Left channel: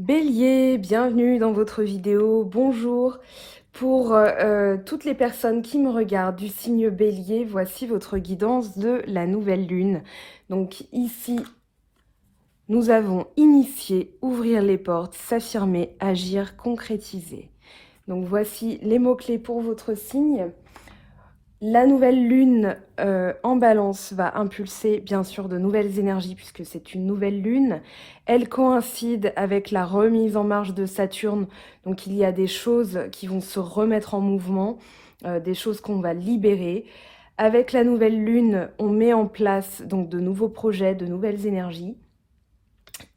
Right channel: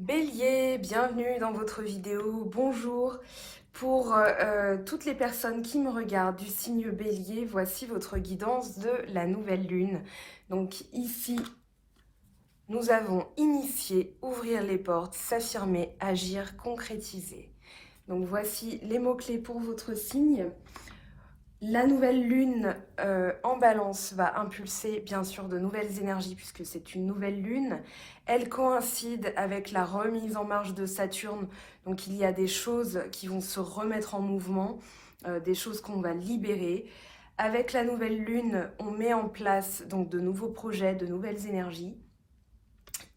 Bélier, bienvenue dans votre vidéo. Bonjour. Pour toutes les personnes qui me regardent du signe Bélier, voici votre guidance de la nouvelle lune. Donc ici, nous avons initié, ouvrir les portes, s'affirmer, agir, concrétiser. Donc voici les mots-clés pour votre signe. La nouvelle lune en balance va impulser bien sûr de nouvelles énergies puisque c'est une nouvelle lune. Elle coïncide avec la remise en marche de Saturne. Donc il y a des choses qui vont se remettre en mouvement, des choses qu'on va libérer. Avec la nouvelle lune, on met en place donc de nouveaux projets, de nouvelles énergies.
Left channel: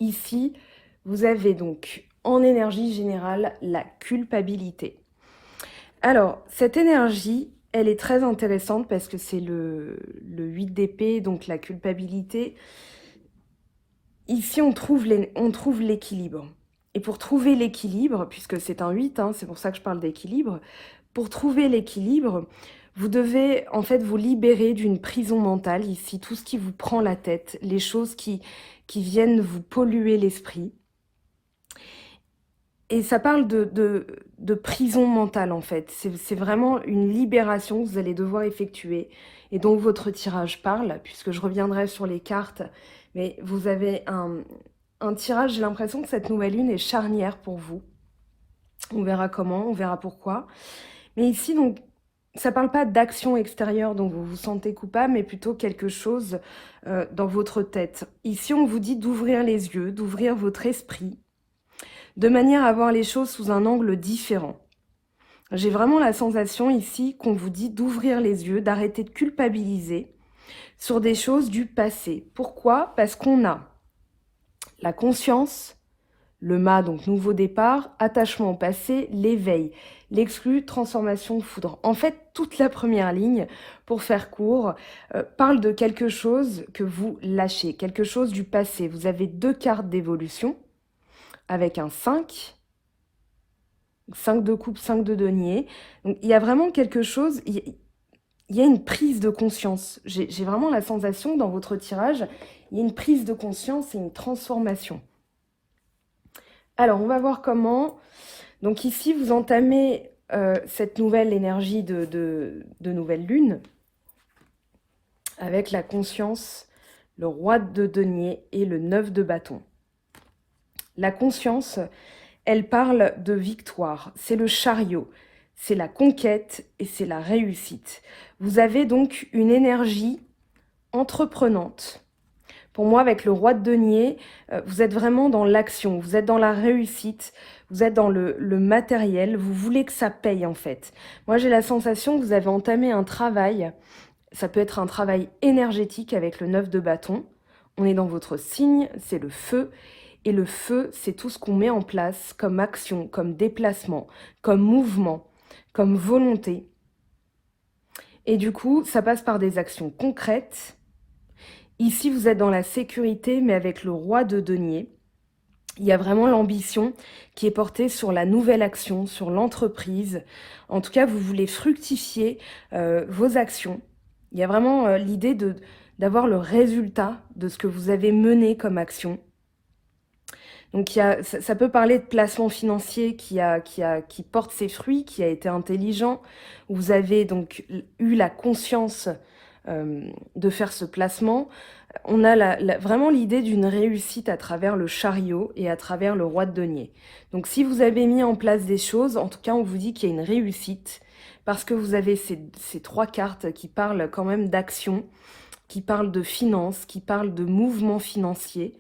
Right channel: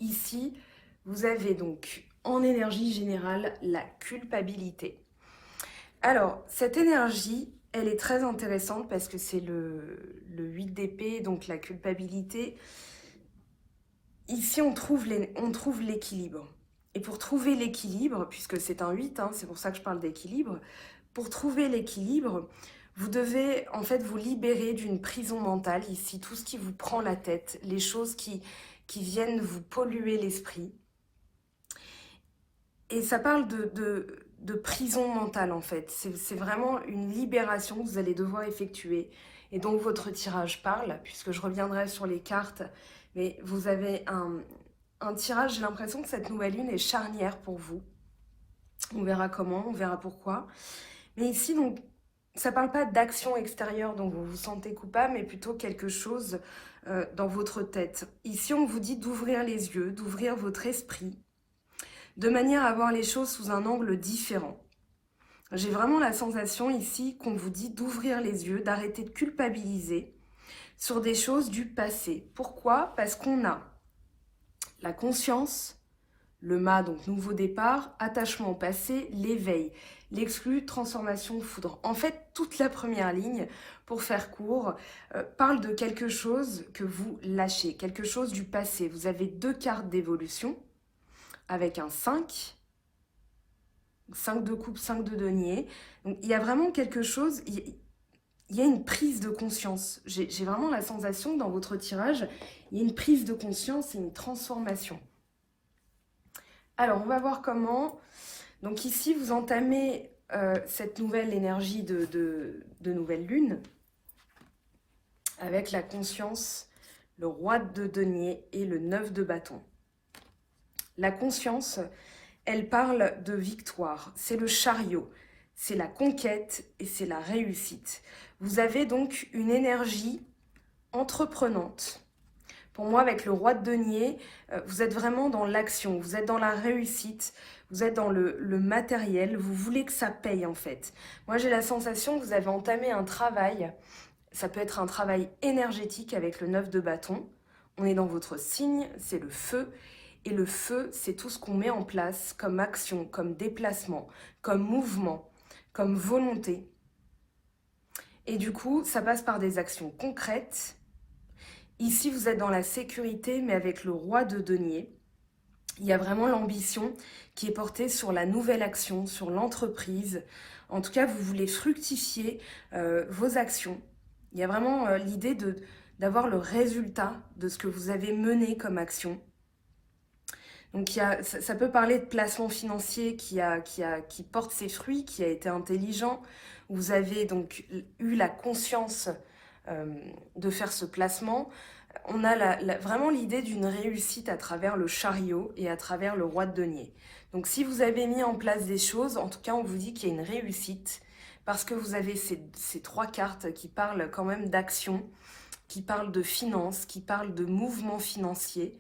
Ici, vous avez donc en énergie générale la culpabilité. Alors, cette énergie, elle est très intéressante parce que c'est le 8 d'épée, donc la culpabilité. Ici, on trouve l'équilibre. Et pour trouver l'équilibre, puisque c'est un 8, hein, c'est pour ça que je parle d'équilibre, pour trouver l'équilibre, vous devez en fait vous libérer d'une prison mentale, ici, tout ce qui vous prend la tête, les choses qui viennent vous polluer l'esprit. Et ça parle de prison mentale en fait. C'est vraiment une libération que vous allez devoir effectuer et dont votre tirage parle, puisque je reviendrai sur les cartes. Mais vous avez un tirage, j'ai l'impression que cette nouvelle lune est charnière pour vous. On verra comment, on verra pourquoi. Mais ici, donc, ça ne parle pas d'action extérieure dont vous vous sentez coupable, mais plutôt quelque chose dans votre tête. Ici, on vous dit d'ouvrir les yeux, d'ouvrir votre esprit, de manière à voir les choses sous un angle différent. J'ai vraiment la sensation ici qu'on vous dit d'ouvrir les yeux, d'arrêter de culpabiliser sur des choses du passé. Pourquoi? Parce qu'on a la conscience, le mât, donc nouveau départ, attachement au passé, l'éveil, l'exclu, transformation, foudre. En fait, toute la première ligne, pour faire court, parle de quelque chose que vous lâchez, quelque chose du passé. Vous avez deux cartes d'évolution avec un 5 de coupe, 5 de denier. Donc, il y a vraiment quelque chose, il y a une prise de conscience. J'ai vraiment la sensation dans votre tirage, il y a une prise de conscience et une transformation. Alors, on va voir comment. Donc ici, vous entamez cette nouvelle énergie de nouvelle lune avec la conscience, le roi de denier et le 9 de bâton. La conscience, elle parle de victoire, c'est le chariot, c'est la conquête et c'est la réussite. Vous avez donc une énergie entreprenante. Pour moi, avec le roi de denier, vous êtes vraiment dans l'action, vous êtes dans la réussite, vous êtes dans le matériel, vous voulez que ça paye en fait. Moi, j'ai la sensation que vous avez entamé un travail, ça peut être un travail énergétique avec le 9 de bâton. On est dans votre signe, c'est le feu. Et le feu, c'est tout ce qu'on met en place comme action, comme déplacement, comme mouvement, comme volonté. Et du coup, ça passe par des actions concrètes. Ici, vous êtes dans la sécurité, mais avec le roi de denier. Il y a vraiment l'ambition qui est portée sur la nouvelle action, sur l'entreprise. En tout cas, vous voulez fructifier vos actions. Il y a vraiment l'idée d'avoir le résultat de ce que vous avez mené comme action. Donc ça peut parler de placement financier qui porte ses fruits, qui a été intelligent. Vous avez donc eu la conscience de faire ce placement. On a vraiment l'idée d'une réussite à travers le chariot et à travers le roi de denier. Donc si vous avez mis en place des choses, en tout cas on vous dit qu'il y a une réussite parce que vous avez ces trois cartes qui parlent quand même d'action, qui parlent de finances, qui parlent de mouvement financier.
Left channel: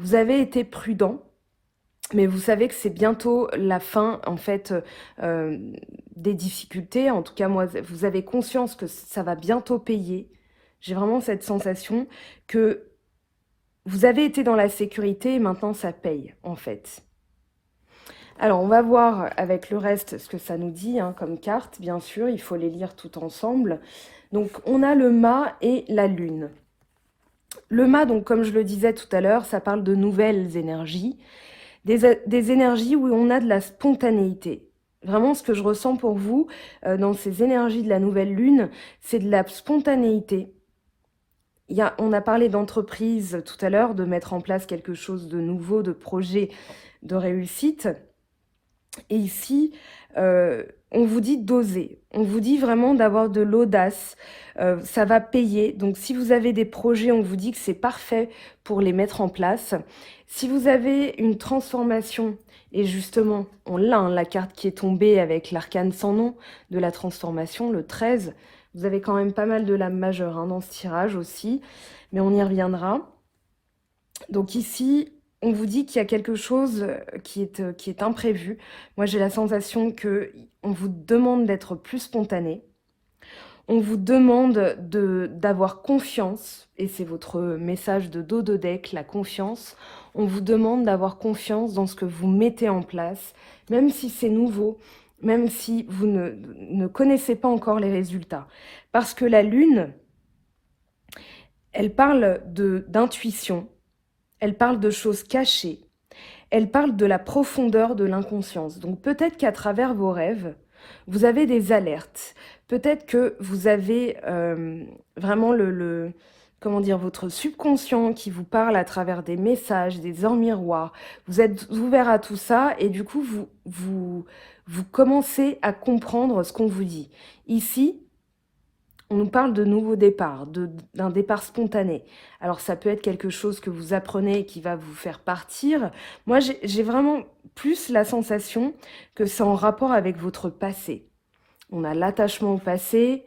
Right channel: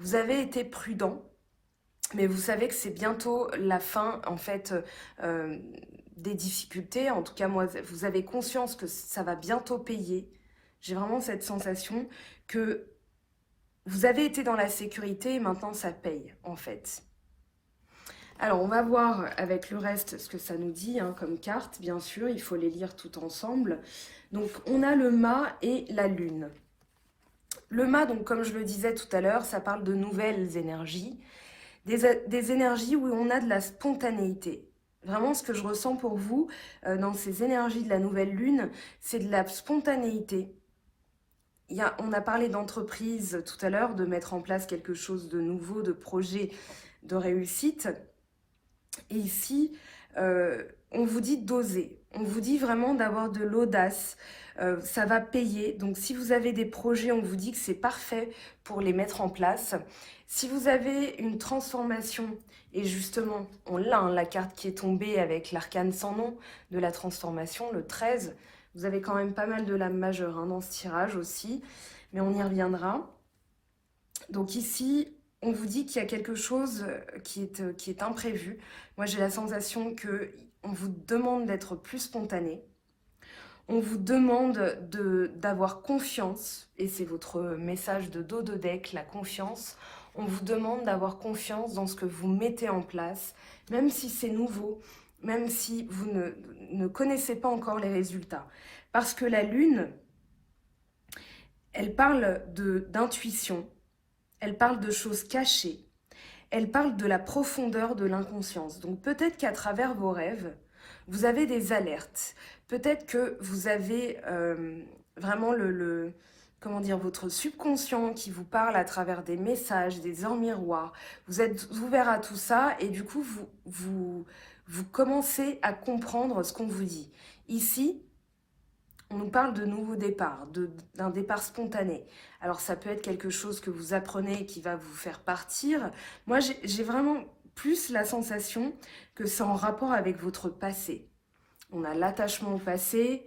Vous avez été prudent, mais vous savez que c'est bientôt la fin en fait des difficultés. En tout cas, moi, vous avez conscience que ça va bientôt payer. J'ai vraiment cette sensation que vous avez été dans la sécurité et maintenant ça paye en fait. Alors, on va voir avec le reste ce que ça nous dit hein, comme carte, bien sûr. Il faut les lire tout ensemble. Donc, on a le mât et la lune. Le mât, donc, comme je le disais tout à l'heure, ça parle de nouvelles énergies. Des énergies où on a de la spontanéité. Vraiment, ce que je ressens pour vous dans ces énergies de la nouvelle lune, c'est de la spontanéité. on a parlé d'entreprise tout à l'heure, de mettre en place quelque chose de nouveau, de projet de réussite. Et ici, on vous dit d'oser. On vous dit vraiment d'avoir de l'audace. Ça va payer. Donc, si vous avez des projets, on vous dit que c'est parfait pour les mettre en place. Si vous avez une transformation, et justement, on l'a, hein, la carte qui est tombée avec l'arcane sans nom de la transformation, le 13. Vous avez quand même pas mal de lames majeures hein, dans ce tirage aussi, mais on y reviendra. Donc ici, on vous dit qu'il y a quelque chose qui est imprévu. Moi, j'ai la sensation qu'on vous demande d'être plus spontané. On vous demande d'avoir confiance, et c'est votre message de dos de deck, la confiance. On vous demande d'avoir confiance dans ce que vous mettez en place, même si c'est nouveau, même si vous ne connaissez pas encore les résultats. Parce que la Lune, elle parle d'intuition, elle parle de choses cachées, elle parle de la profondeur de l'inconscience. Donc peut-être qu'à travers vos rêves, vous avez des alertes. Peut-être que vous avez vraiment comment dire, votre subconscient qui vous parle à travers des messages, des heures miroirs. Vous êtes ouvert à tout ça et du coup, vous commencez à comprendre ce qu'on vous dit. Ici, on nous parle de nouveaux départs, d'un départ spontané. Alors ça peut être quelque chose que vous apprenez et qui va vous faire partir. Moi, j'ai vraiment plus la sensation que c'est en rapport avec votre passé. On a l'attachement au passé,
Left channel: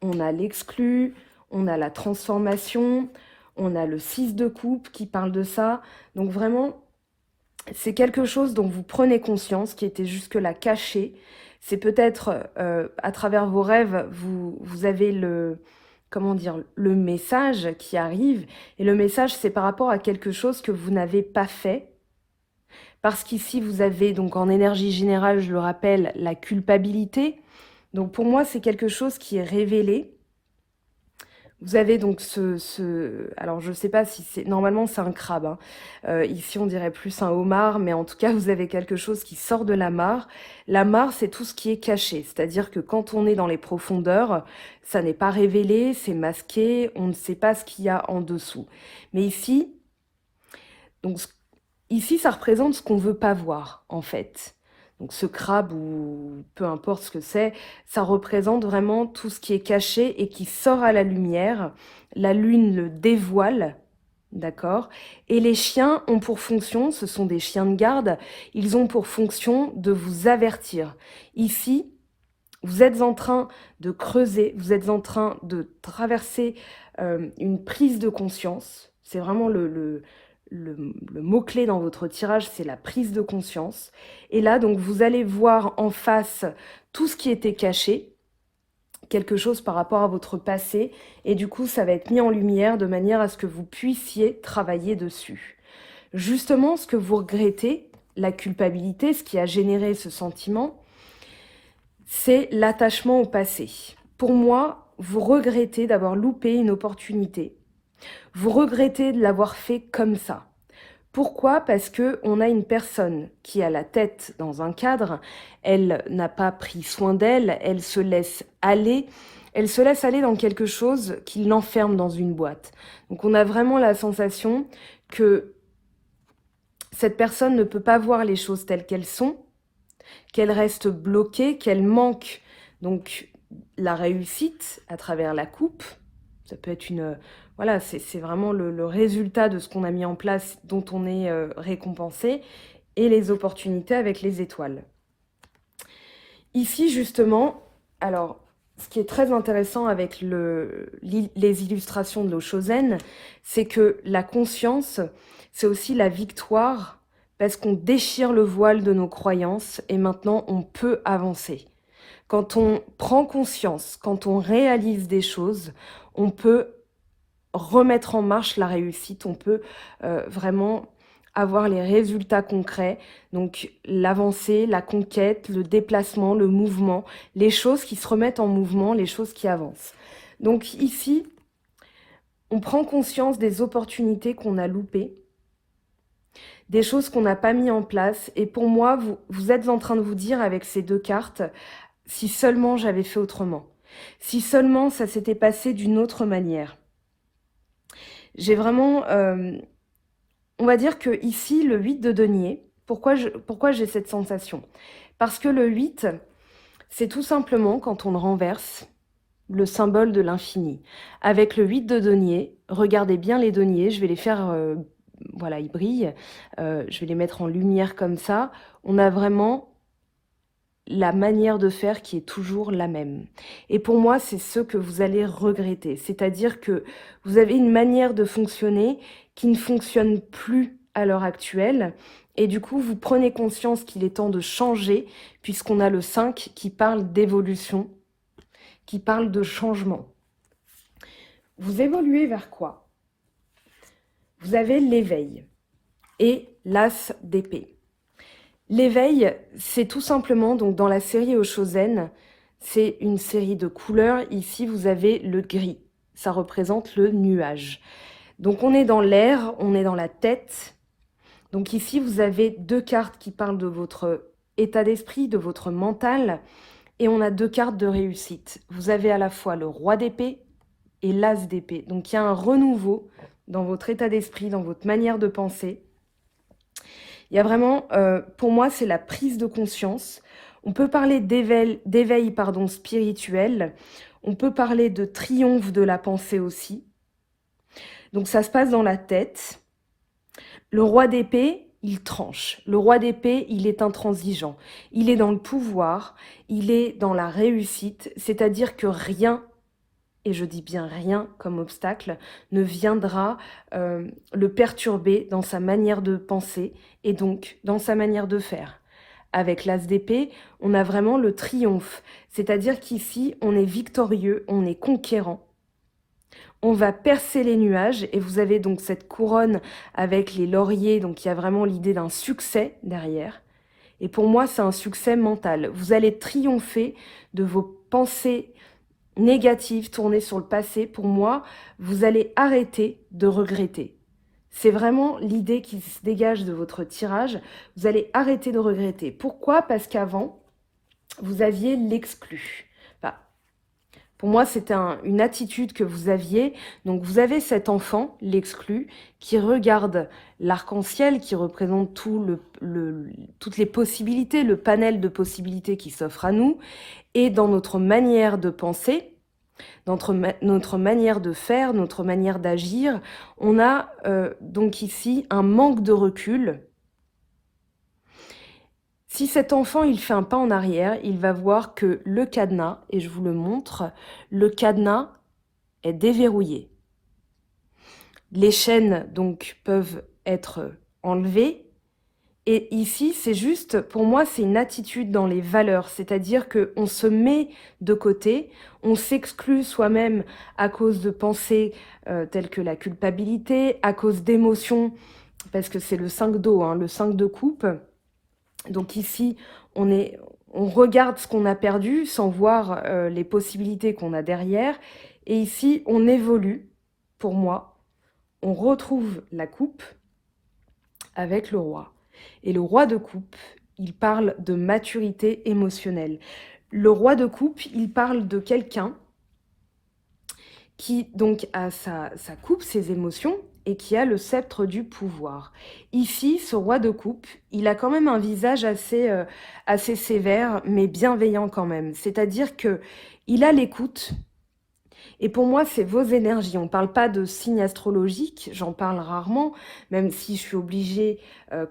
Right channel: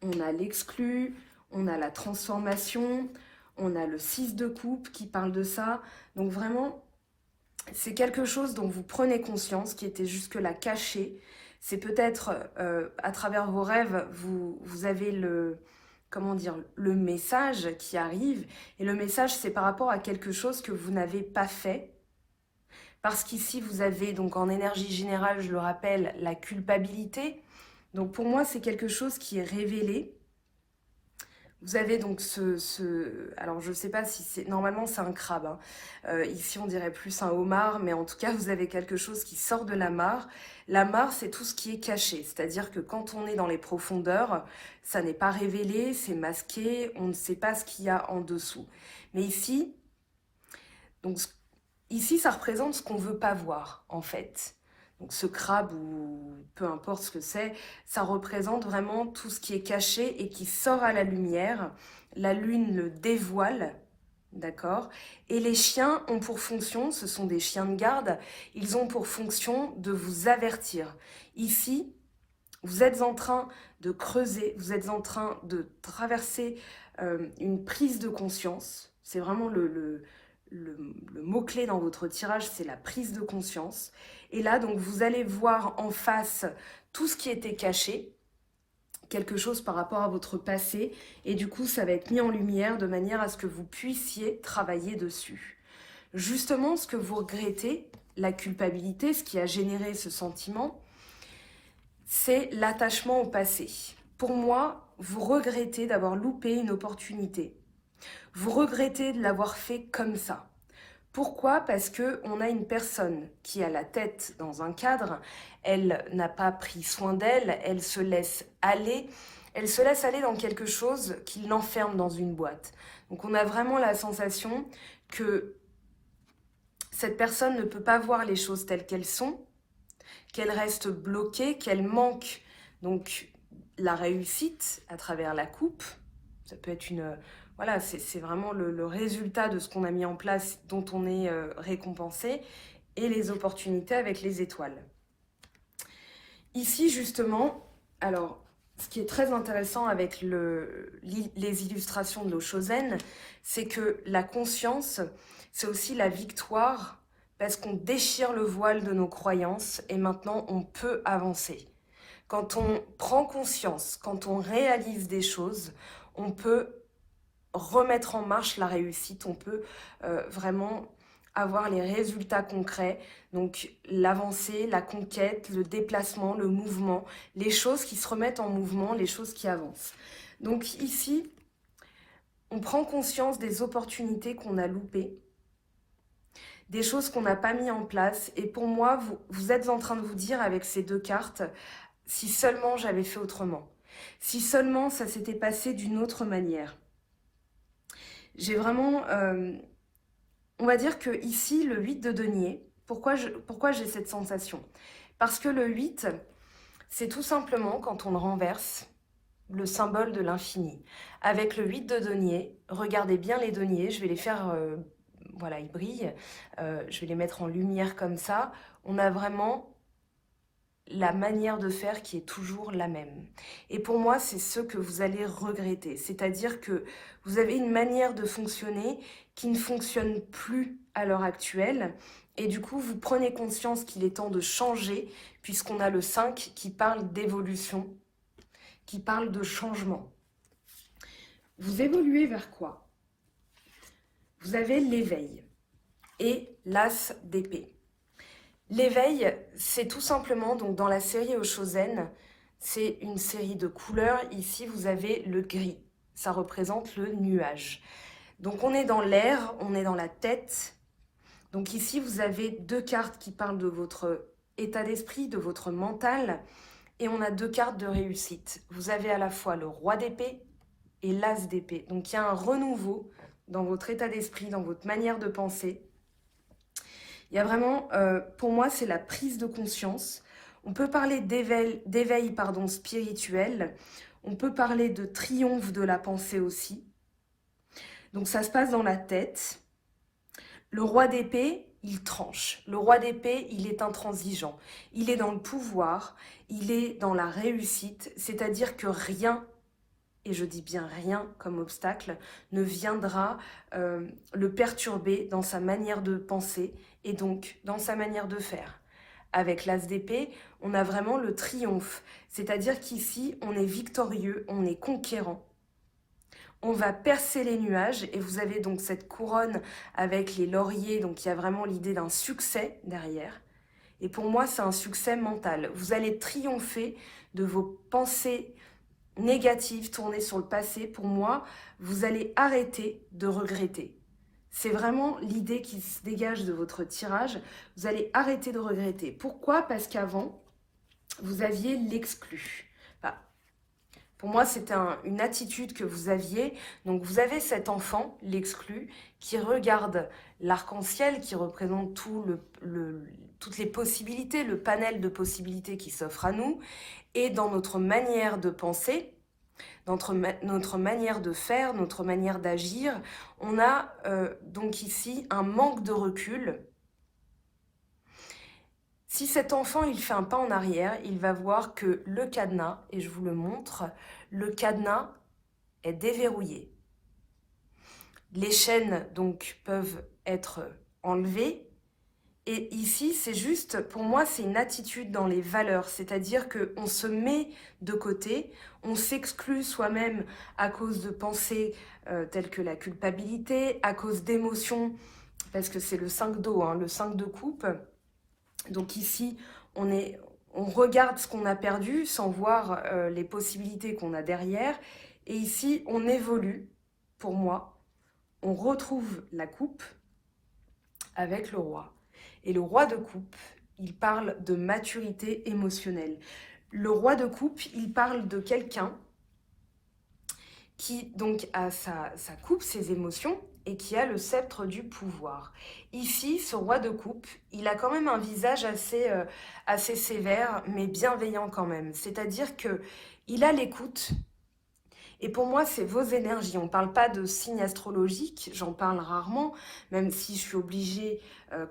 on a l'exclu, on a la transformation, on a le 6 de coupe qui parle de ça. Donc vraiment, c'est quelque chose dont vous prenez conscience, qui était jusque-là caché. C'est peut-être à travers vos rêves, vous avez comment dire, le message qui arrive. Et le message, c'est par rapport à quelque chose que vous n'avez pas fait. Parce qu'ici, vous avez, donc en énergie générale, je le rappelle, la culpabilité. Donc pour moi, c'est quelque chose qui est révélé. Vous avez donc alors je ne sais pas si c'est... Normalement, c'est un crabe. Hein. Ici, on dirait plus un homard, mais en tout cas, vous avez quelque chose qui sort de la mare. La mare, c'est tout ce qui est caché. C'est-à-dire que quand on est dans les profondeurs, ça n'est pas révélé, c'est masqué, on ne sait pas ce qu'il y a en dessous. Mais ici, donc, ici, ça représente ce qu'on ne veut pas voir, en fait. Donc ce crabe, ou peu importe ce que c'est, ça représente vraiment tout ce qui est caché et qui sort à la lumière. La lune le dévoile, d'accord? Et les chiens ont pour fonction, ce sont des chiens de garde, ils ont pour fonction de vous avertir. Ici, vous êtes en train de creuser, vous êtes en train de traverser une prise de conscience. C'est vraiment le mot-clé dans votre tirage, c'est la prise de conscience. Et là, donc, vous allez voir en face tout ce qui était caché, quelque chose par rapport à votre passé, et du coup, ça va être mis en lumière de manière à ce que vous puissiez travailler dessus. Justement, ce que vous regrettez, la culpabilité, ce qui a généré ce sentiment, c'est l'attachement au passé. Pour moi, vous regrettez d'avoir loupé une opportunité. Vous regrettez de l'avoir fait comme ça. Pourquoi? Parce qu'on a une personne qui a la tête dans un cadre, elle n'a pas pris soin d'elle, elle se laisse aller dans quelque chose qui l'enferme dans une boîte. Donc on a vraiment la sensation que cette personne ne peut pas voir les choses telles qu'elles sont, qu'elle reste bloquée, qu'elle manque donc la réussite à travers la coupe. Ça peut être voilà, c'est vraiment le résultat de ce qu'on a mis en place, dont on est récompensé, et les opportunités avec les étoiles. Ici, justement, alors, ce qui est très intéressant avec les illustrations de l'Oshozen, c'est que la conscience, c'est aussi la victoire, parce qu'on déchire le voile de nos croyances, et maintenant, on peut avancer. Quand on prend conscience, quand on réalise des choses, on peut remettre en marche la réussite, on peut vraiment avoir les résultats concrets, donc l'avancée, la conquête, le déplacement, le mouvement, les choses qui se remettent en mouvement, les choses qui avancent. Donc ici, on prend conscience des opportunités qu'on a loupées, des choses qu'on n'a pas mis en place, et pour moi, vous êtes en train de vous dire avec ces deux cartes, si seulement j'avais fait autrement, si seulement ça s'était passé d'une autre manière. J'ai vraiment, on va dire que ici, le 8 de denier, pourquoi j'ai cette sensation? Parce que le 8, c'est tout simplement quand on le renverse, le symbole de l'infini. Avec le 8 de denier, regardez bien les deniers, je vais les faire, voilà, ils brillent, je vais les mettre en lumière comme ça. On a vraiment la manière de faire qui est toujours la même. Et pour moi, c'est ce que vous allez regretter. C'est-à-dire que vous avez une manière de fonctionner qui ne fonctionne plus à l'heure actuelle. Et du coup, vous prenez conscience qu'il est temps de changer, puisqu'on a le 5 qui parle d'évolution, qui parle de changement. Vous évoluez vers quoi? Vous avez l'éveil et l'as d'épée. L'éveil, c'est tout simplement, donc dans la série Oshozen, c'est une série de couleurs. Ici, vous avez le gris. Ça représente le nuage. Donc on est dans l'air, on est dans la tête. Donc ici, vous avez deux cartes qui parlent de votre état d'esprit, de votre mental. Et on a deux cartes de réussite. Vous avez à la fois le roi d'épée et l'as d'épée. Donc il y a un renouveau dans votre état d'esprit, dans votre manière de penser. Il y a vraiment, pour moi, c'est la prise de conscience. On peut parler d'éveil spirituel. On peut parler de triomphe de la pensée aussi. Donc ça se passe dans la tête. Le roi d'épée, il tranche. Le roi d'épée, il est intransigeant. Il est dans le pouvoir, il est dans la réussite. C'est-à-dire que rien, et je dis bien rien comme obstacle, ne viendra le perturber dans sa manière de penser et donc dans sa manière de faire. Avec l'as d'épée, on a vraiment le triomphe, c'est-à-dire qu'ici, on est victorieux, on est conquérant. On va percer les nuages et vous avez donc cette couronne avec les lauriers, donc il y a vraiment l'idée d'un succès derrière. Et pour moi, c'est un succès mental. Vous allez triompher de vos pensées négatives tournées sur le passé. Pour moi, vous allez arrêter de regretter. C'est vraiment l'idée qui se dégage de votre tirage. Vous allez arrêter de regretter. Pourquoi? Parce qu'avant, vous aviez l'exclu. Enfin, pour moi, c'était une attitude que vous aviez. Donc, vous avez cet enfant, l'exclu, qui regarde l'arc-en-ciel, qui représente toutes les possibilités, le panel de possibilités qui s'offre à nous. Et dans notre manière de penser, notre manière de faire, notre manière d'agir, on a donc ici un manque de recul. Si cet enfant, il fait un pas en arrière, il va voir que le cadenas, et je vous le montre, le cadenas est déverrouillé. Les chaînes, donc, peuvent être enlevées. Et ici, c'est juste, pour moi, c'est une attitude dans les valeurs. C'est-à-dire qu'on se met de côté, on s'exclut soi-même à cause de pensées telles que la culpabilité, à cause d'émotions, parce que c'est le 5 d'eau, hein, le 5 de coupe. Donc ici, on regarde ce qu'on a perdu sans voir les possibilités qu'on a derrière. Et ici, on évolue, pour moi, on retrouve la coupe avec le roi. Et le roi de coupe, il parle de maturité émotionnelle. Le roi de coupe, il parle de quelqu'un qui donc a sa coupe, ses émotions, et qui a le sceptre du pouvoir. Ici, ce roi de coupe, il a quand même un visage assez sévère, mais bienveillant quand même. C'est-à-dire que il a l'écoute. Et pour moi, c'est vos énergies. On ne parle pas de signes astrologiques, j'en parle rarement, même si je suis obligée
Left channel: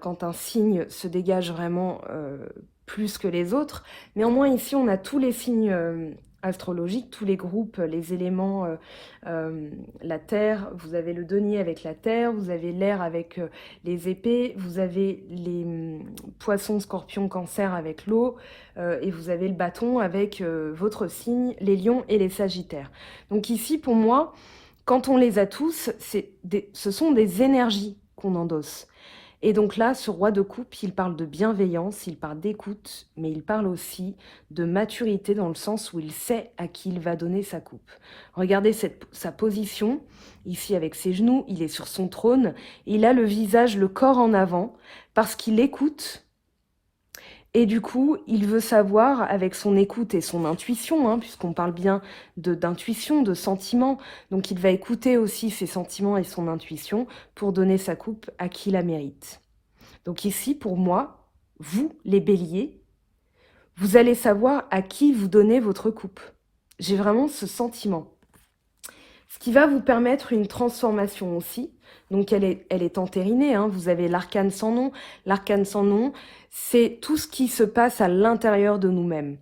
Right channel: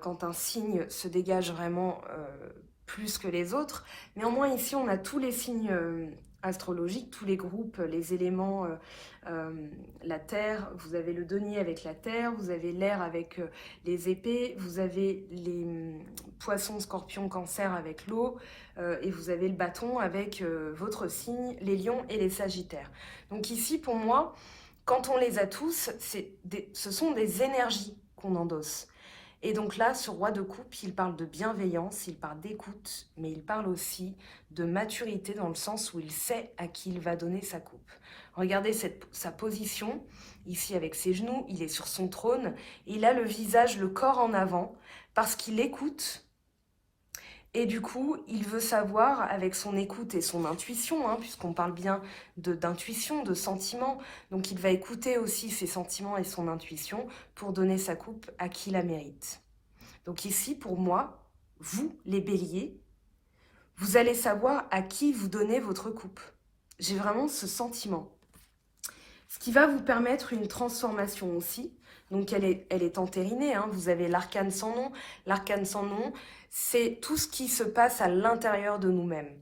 quand un signe se dégage vraiment plus que les autres. Néanmoins, ici, on a tous les signes astrologiques, tous les groupes, les éléments, la terre, vous avez le denier avec la terre, vous avez l'air avec les épées, vous avez les poissons, scorpions, cancer avec l'eau, et vous avez le bâton avec votre signe, les lions et les sagittaires. Donc ici, pour moi, quand on les a tous, ce sont des énergies qu'on endosse. Et donc là, ce roi de coupe, il parle de bienveillance, il parle d'écoute, mais il parle aussi de maturité dans le sens où il sait à qui il va donner sa coupe. Regardez sa position, ici avec ses genoux, il est sur son trône, il a le visage, le corps en avant, parce qu'il écoute, Et du coup, il veut savoir, avec son écoute et son intuition, hein, puisqu'on parle bien d'intuition, de sentiments, donc il va écouter aussi ses sentiments et son intuition pour donner sa coupe à qui la mérite. Donc ici, pour moi, vous, les béliers, vous allez savoir à qui vous donnez votre coupe. J'ai vraiment ce sentiment. Ce qui va vous permettre une transformation aussi. Donc elle est entérinée, hein. Vous avez l'arcane sans nom. L'arcane sans nom, c'est tout ce qui se passe à l'intérieur de nous-mêmes.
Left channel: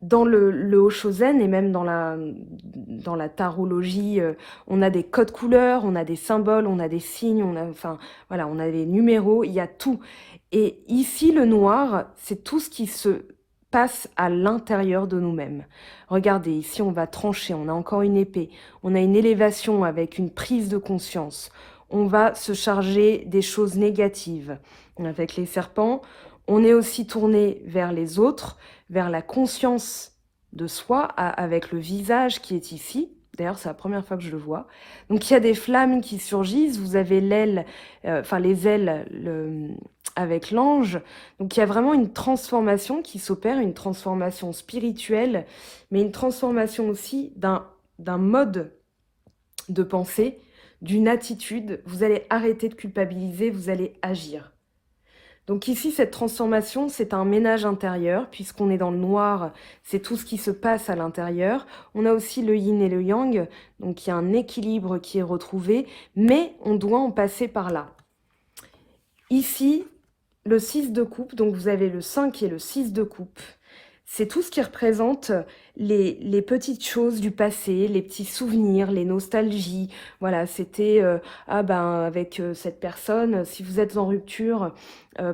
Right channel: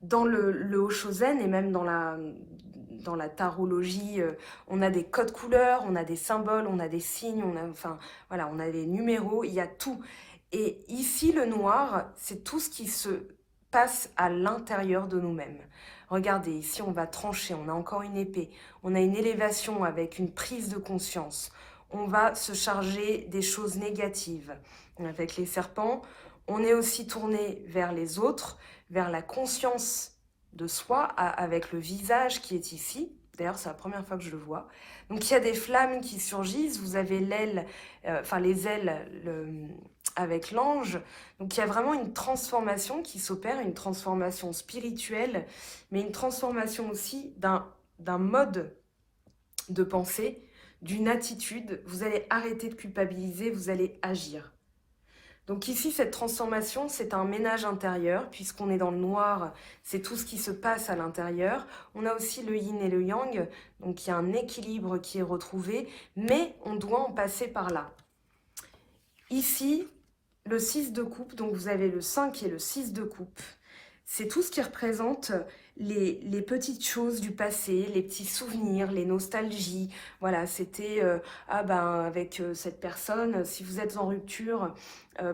Dans le Hoshozen et même dans la tarologie, on a des codes couleurs, on a des symboles, on a des signes, on a des numéros, il y a tout. Et ici, le noir, c'est tout ce qui se passe à l'intérieur de nous-mêmes. Regardez, ici, on va trancher, on a encore une épée, on a une élévation avec une prise de conscience. On va se charger des choses négatives. Avec les serpents, on est aussi tourné vers les autres, vers la conscience de soi, avec le visage qui est ici. D'ailleurs, c'est la première fois que je le vois. Donc, il y a des flammes qui surgissent. Vous avez l'aile, les ailes avec l'ange. Donc, il y a vraiment une transformation qui s'opère, une transformation spirituelle, mais une transformation aussi d'un mode de pensée, d'une attitude. Vous allez arrêter de culpabiliser, vous allez agir. Donc ici, cette transformation, c'est un ménage intérieur, puisqu'on est dans le noir, c'est tout ce qui se passe à l'intérieur. On a aussi le yin et le yang, donc il y a un équilibre qui est retrouvé, mais on doit en passer par là. Ici, le 6 de coupe, donc vous avez le 5 et le 6 de coupe. C'est tout ce qui représente les petites choses du passé, les petits souvenirs, les nostalgies. Voilà, c'était avec cette personne, si vous êtes en rupture,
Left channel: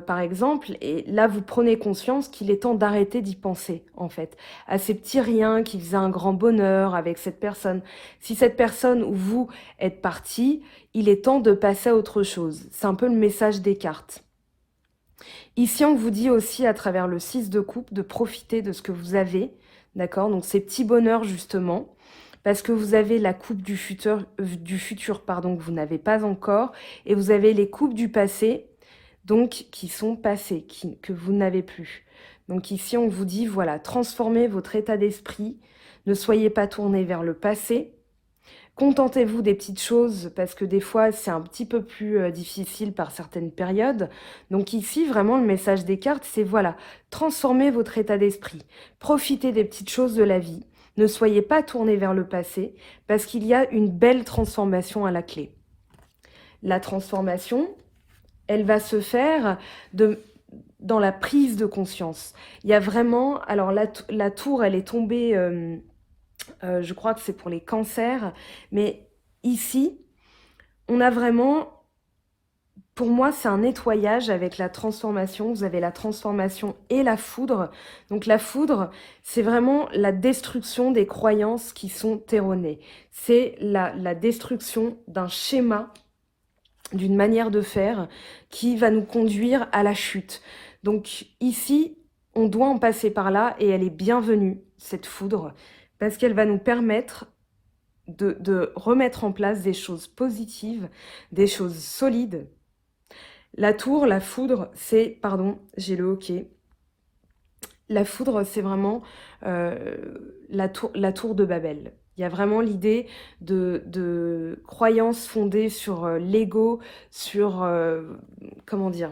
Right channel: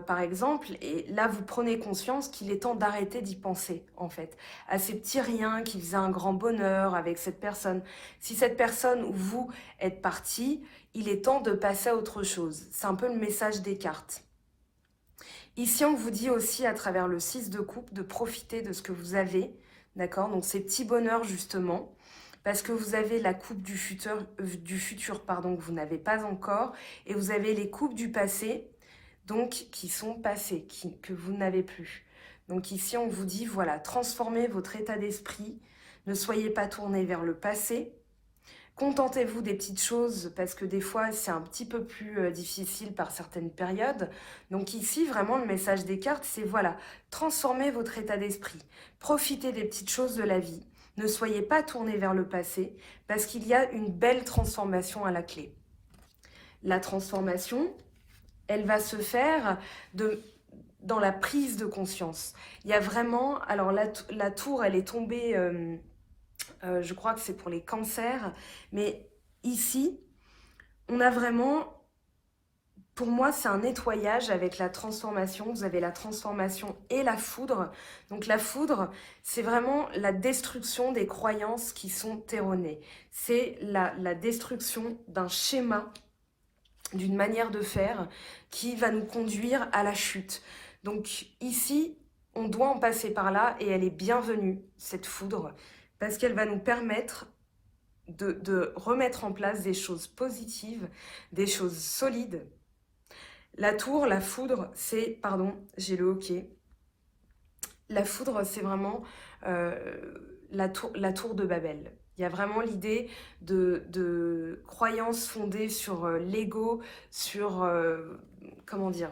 par exemple, et là vous prenez conscience qu'il est temps d'arrêter d'y penser, en fait, à ces petits riens qui faisaient un grand bonheur avec cette personne. Si cette personne ou vous êtes parti, il est temps de passer à autre chose. C'est un peu le message des cartes. Ici, on vous dit aussi, à travers le 6 de coupe, de profiter de ce que vous avez, d'accord? Donc, ces petits bonheurs, justement, parce que vous avez la coupe du futur, que vous n'avez pas encore, et vous avez les coupes du passé, donc, qui sont passées, que vous n'avez plus. Donc, ici, on vous dit, voilà, transformez votre état d'esprit, ne soyez pas tourné vers le passé, contentez-vous des petites choses parce que des fois, c'est un petit peu plus difficile par certaines périodes. Donc ici, vraiment, le message des cartes, c'est voilà, transformez votre état d'esprit. Profitez des petites choses de la vie. Ne soyez pas tourné vers le passé parce qu'il y a une belle transformation à la clé. La transformation, elle va se faire dans la prise de conscience. Il y a vraiment... Alors la tour, elle est tombée... je crois que c'est pour les cancers. Mais ici, on a vraiment, pour moi, c'est un nettoyage avec la transformation. Vous avez la transformation et la foudre. Donc la foudre, c'est vraiment la destruction des croyances qui sont erronées. C'est la destruction d'un schéma, d'une manière de faire qui va nous conduire à la chute. Donc ici, on doit en passer par là et elle est bienvenue, cette foudre, parce qu'elle va nous permettre de remettre en place des choses positives, des choses solides. La tour, la foudre, c'est, pardon, j'ai le hoquet. La foudre, c'est vraiment la tour de Babel. Il y a vraiment l'idée de croyances fondées sur l'ego, sur, comment dire,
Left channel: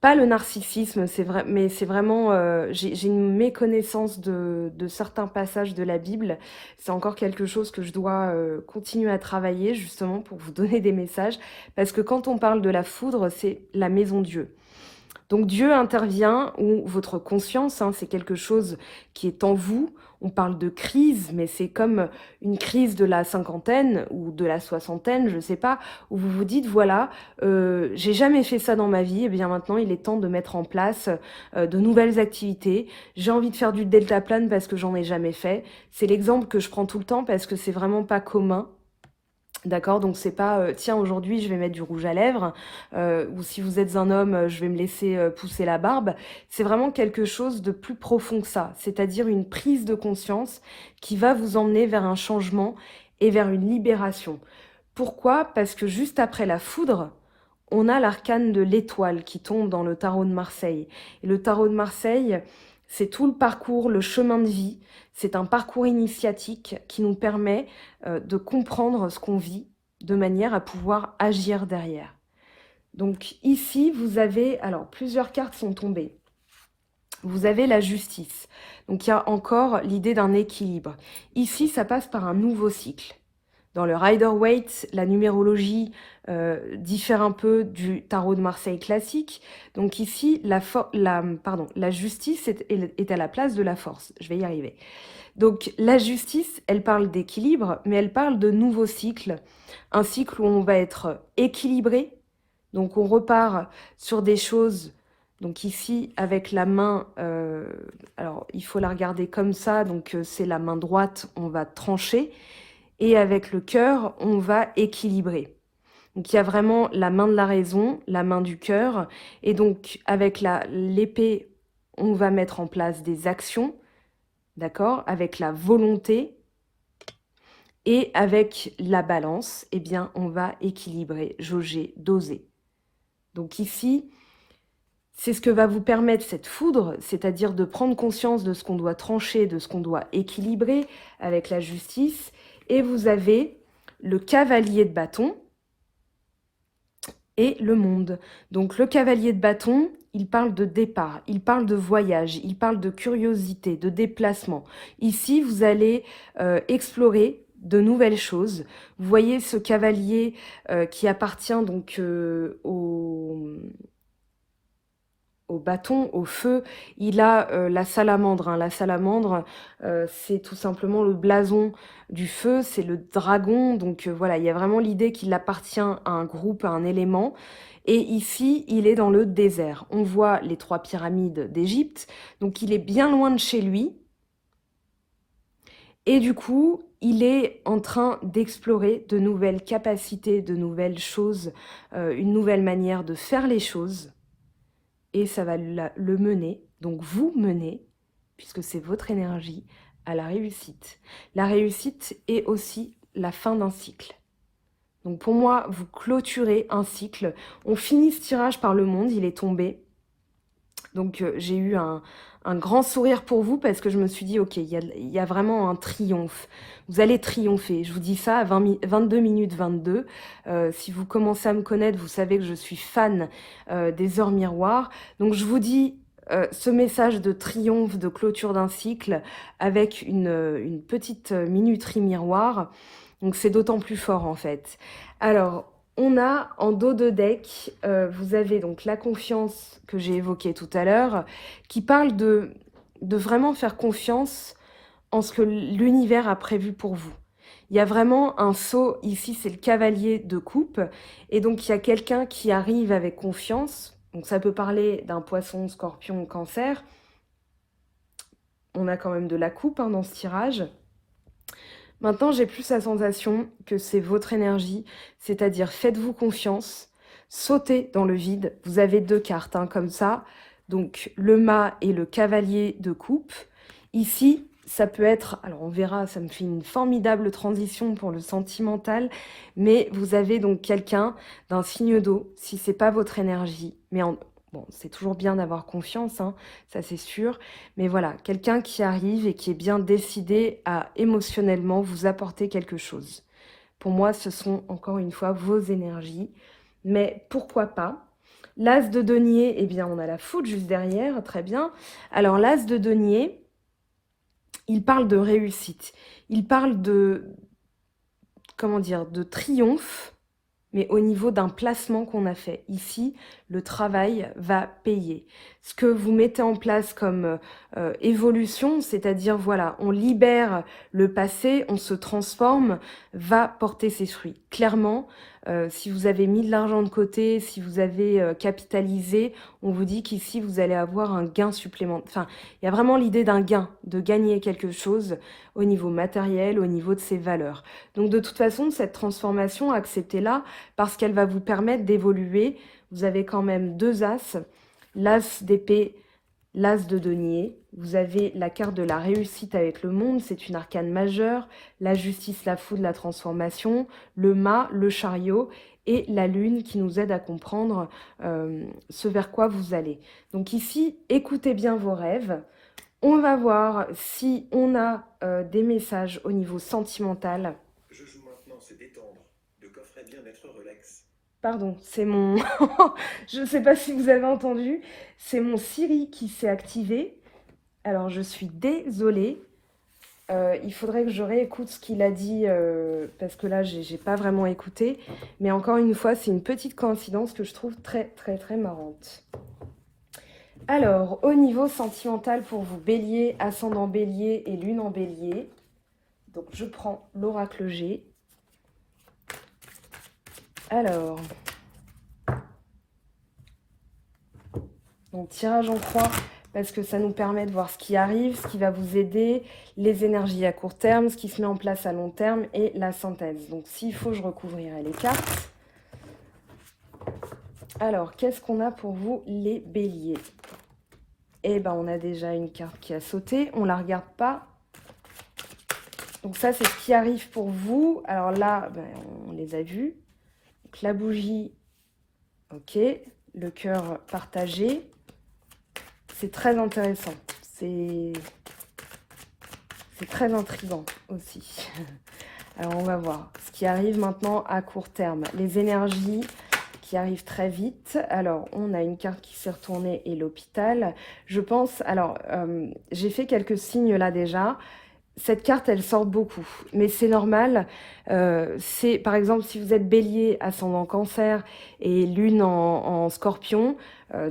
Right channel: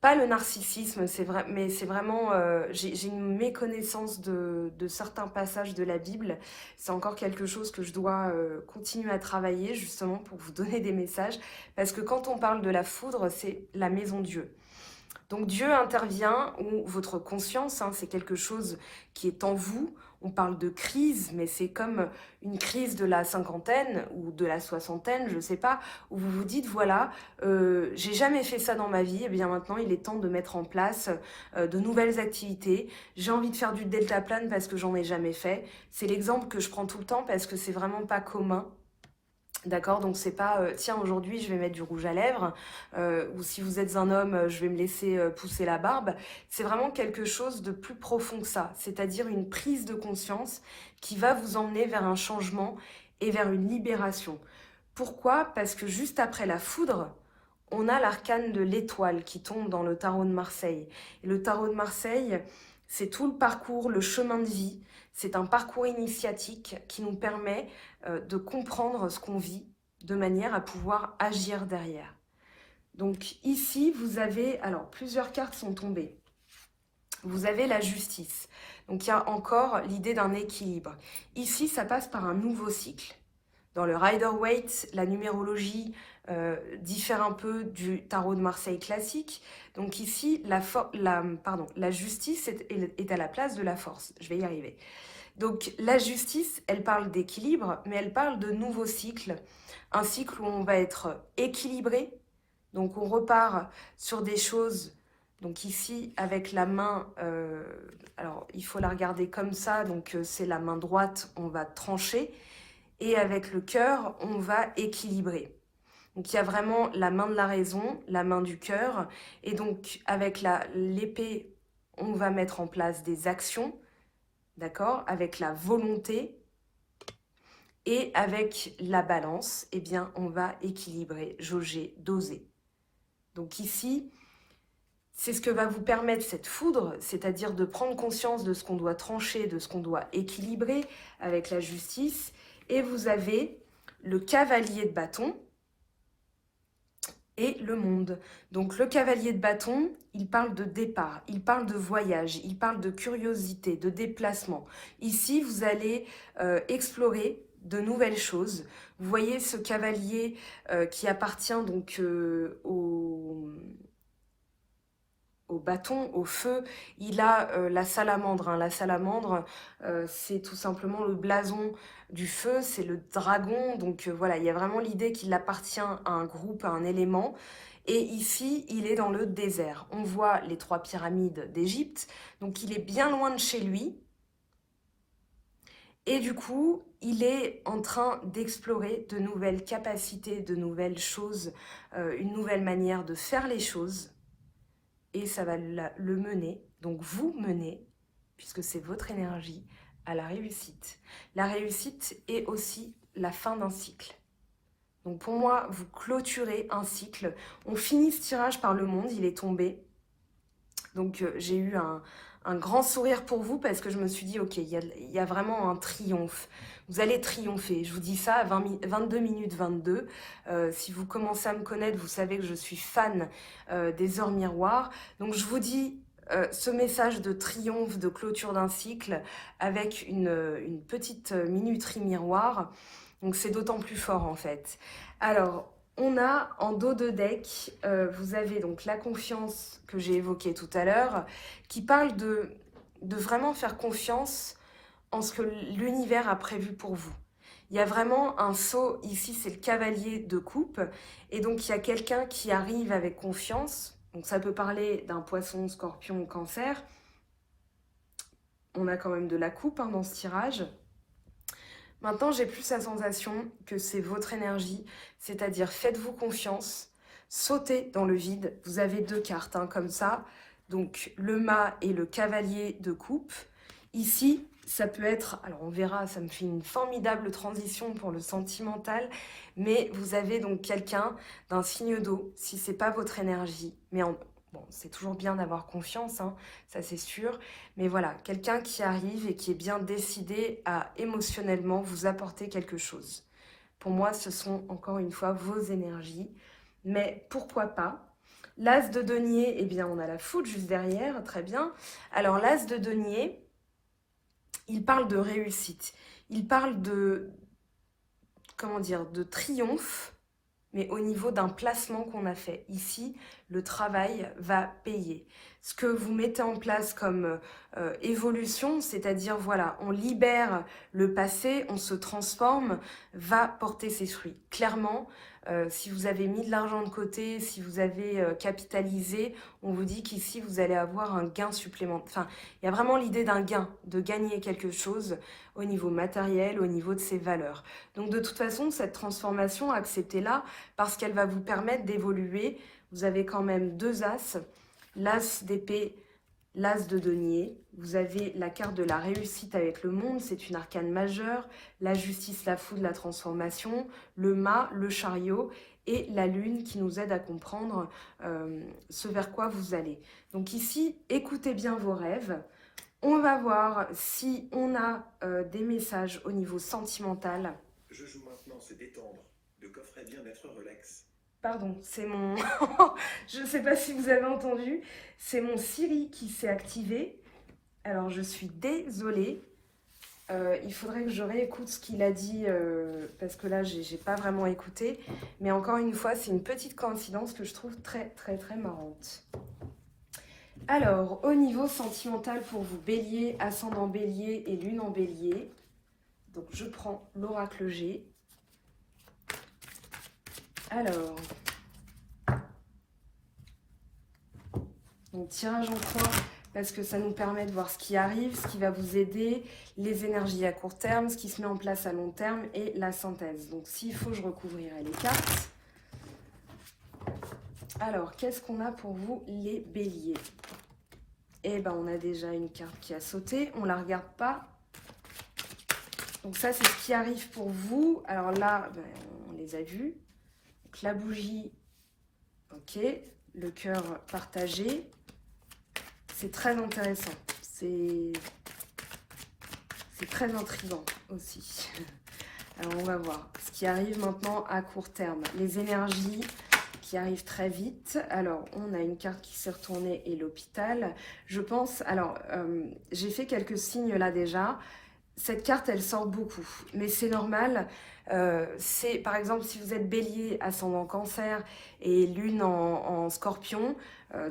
pas le narcissisme, c'est vrai, mais c'est vraiment, j'ai une méconnaissance de certains passages de la Bible. C'est encore quelque chose que je dois continuer à travailler justement pour vous donner des messages. Parce que quand on parle de la foudre, c'est la maison Dieu. Donc Dieu intervient, ou votre conscience, hein, c'est quelque chose qui est en vous. On parle de crise, mais c'est comme une crise de la cinquantaine ou de la soixantaine, je ne sais pas, où vous vous dites, voilà, j'ai jamais fait ça dans ma vie, et bien maintenant il est temps de mettre en place de nouvelles activités. J'ai envie de faire du deltaplane parce que j'en ai jamais fait. C'est l'exemple que je prends tout le temps parce que c'est vraiment pas commun. D'accord, donc c'est pas tiens aujourd'hui je vais mettre du rouge à lèvres ou si vous êtes un homme je vais me laisser pousser la barbe. C'est vraiment quelque chose de plus profond que ça, c'est-à-dire une prise de conscience qui va vous emmener vers un changement et vers une libération. Pourquoi? Parce que juste après la foudre, on a l'arcane de l'étoile qui tombe dans le tarot de Marseille. Et le tarot de Marseille, c'est tout le parcours, le chemin de vie. C'est un parcours initiatique qui nous permet de comprendre ce qu'on vit de manière à pouvoir agir derrière. Donc ici, vous avez, alors plusieurs cartes sont tombées. Vous avez la justice. Donc il y a encore l'idée d'un équilibre. Ici, ça passe par un nouveau cycle. Dans le Rider-Waite, la numérologie diffère un peu du tarot de Marseille classique. Donc ici, la justice est à la place de la force. Je vais y arriver. Donc la justice, elle parle d'équilibre, mais elle parle de nouveaux cycles. Un cycle où on va être équilibré. Donc on repart sur des choses. Donc ici, avec la main, alors il faut la regarder comme ça. Donc c'est la main droite, on va trancher. Et avec le cœur, on va équilibrer. Donc il y a vraiment la main de la raison, la main du cœur. Et donc avec l'épée, on va mettre en place des actions, d'accord, avec la volonté. Et avec la balance, eh bien, on va équilibrer, jauger, doser. Donc ici, c'est ce que va vous permettre cette foudre, c'est-à-dire de prendre conscience de ce qu'on doit trancher, de ce qu'on doit équilibrer avec la justice. Et vous avez le cavalier de bâton et le monde. Donc le cavalier de bâton, il parle de départ, il parle de voyage, il parle de curiosité, de déplacement. Ici, vous allez explorer de nouvelles choses. Vous voyez ce cavalier qui appartient donc au bâton, au feu, il a la salamandre. Hein. La salamandre, c'est tout simplement le blason du feu, c'est le dragon. Donc voilà, il y a vraiment l'idée qu'il appartient à un groupe, à un élément. Et ici, il est dans le désert. On voit les 3 pyramides d'Égypte, donc il est bien loin de chez lui. Et du coup, il est en train d'explorer de nouvelles capacités, de nouvelles choses, une nouvelle manière de faire les choses. Et ça va le mener, donc vous menez, puisque c'est votre énergie, à la réussite. La réussite est aussi la fin d'un cycle. Donc pour moi, vous clôturez un cycle. On finit ce tirage par le monde, il est tombé. Donc j'ai eu un grand sourire pour vous parce que je me suis dit, ok, il y a vraiment un triomphe. Vous allez triompher. Je vous dis ça à 22 minutes 22. Si vous commencez à me connaître, vous savez que je suis fan des heures miroirs. Donc je vous dis ce message de triomphe, de clôture d'un cycle avec une petite minuterie miroir. Donc c'est d'autant plus fort en fait. Alors, on a en dos de deck, vous avez donc la confiance que j'ai évoquée tout à l'heure, qui parle de vraiment faire confiance en ce que l'univers a prévu pour vous. Il y a vraiment un saut, ici c'est le cavalier de coupe, et donc il y a quelqu'un qui arrive avec confiance, donc ça peut parler d'un poisson, scorpion, cancer. On a quand même de la coupe hein, dans ce tirage. Maintenant, j'ai plus la sensation que c'est votre énergie, c'est-à-dire faites-vous confiance, sautez dans le vide. Vous avez 2 cartes hein, comme ça, donc le mât et le cavalier de coupe. Ici, ça peut être, alors on verra, ça me fait une formidable transition pour le sentimental, mais vous avez donc quelqu'un d'un signe d'eau, si c'est pas votre énergie, mais bon, c'est toujours bien d'avoir confiance, hein, ça c'est sûr. Mais voilà, quelqu'un qui arrive et qui est bien décidé à émotionnellement vous apporter quelque chose. Pour moi, ce sont encore une fois vos énergies. Mais pourquoi pas? L'as de denier, eh bien, on a la foudre juste derrière, très bien. Alors, l'as de denier, il parle de réussite. Il parle comment dire, de triomphe, mais au niveau d'un placement qu'on a fait. Ici, le travail va payer. Ce que vous mettez en place comme évolution, c'est-à-dire, voilà, on libère le passé, on se transforme, va porter ses fruits. Clairement, si vous avez mis de l'argent de côté, si vous avez capitalisé, on vous dit qu'ici, vous allez avoir un gain supplémentaire. Enfin, il y a vraiment l'idée d'un gain, de gagner quelque chose au niveau matériel, au niveau de ses valeurs. Donc, de toute façon, cette transformation, acceptez-la parce qu'elle va vous permettre d'évoluer. Vous avez quand même 2 as, l'as d'épée, l'as de denier. Vous avez la carte de la réussite avec le monde, c'est une arcane majeure, la justice, la foudre, la transformation, le mât, le chariot et la lune qui nous aide à comprendre ce vers quoi vous allez. Donc ici, écoutez bien vos rêves. On va voir si on a des messages au niveau sentimental. Je joue maintenant se détendre. De coffret bien-être relax. Pardon, c'est mon... Je ne sais pas si vous avez entendu, c'est mon Siri qui s'est activé. Alors, je suis désolée. Il faudrait que je réécoute ce qu'il a dit, parce que là, j'ai pas vraiment écouté. Mais encore une fois, c'est une petite coïncidence que je trouve très, très, très marrante. Alors, au niveau sentimental pour vous, Bélier, ascendant Bélier et lune en Bélier. Donc, je prends l'oracle G. Alors, donc tirage en croix, parce que ça nous permet de voir ce qui arrive, ce qui va vous aider, les énergies à court terme, ce qui se met en place à long terme et la synthèse. Donc s'il faut, je recouvrirai les cartes. Alors, qu'est-ce qu'on a pour vous, les béliers? Eh bien, on a déjà une carte qui a sauté, on ne la regarde pas. Donc ça, c'est ce qui arrive pour vous. Alors là, ben, on les a vus. Donc, la bougie, ok. Le cœur partagé. C'est très intéressant. C'est très intriguant aussi. Alors, on va voir ce qui arrive maintenant à court terme. Les énergies qui arrivent très vite. Alors, on a une carte qui s'est retournée et l'hôpital. Je pense... Alors, j'ai fait quelques signes là déjà. Cette carte, elle sort beaucoup, mais c'est normal. C'est par exemple, si vous êtes bélier, ascendant cancer et lune en scorpion,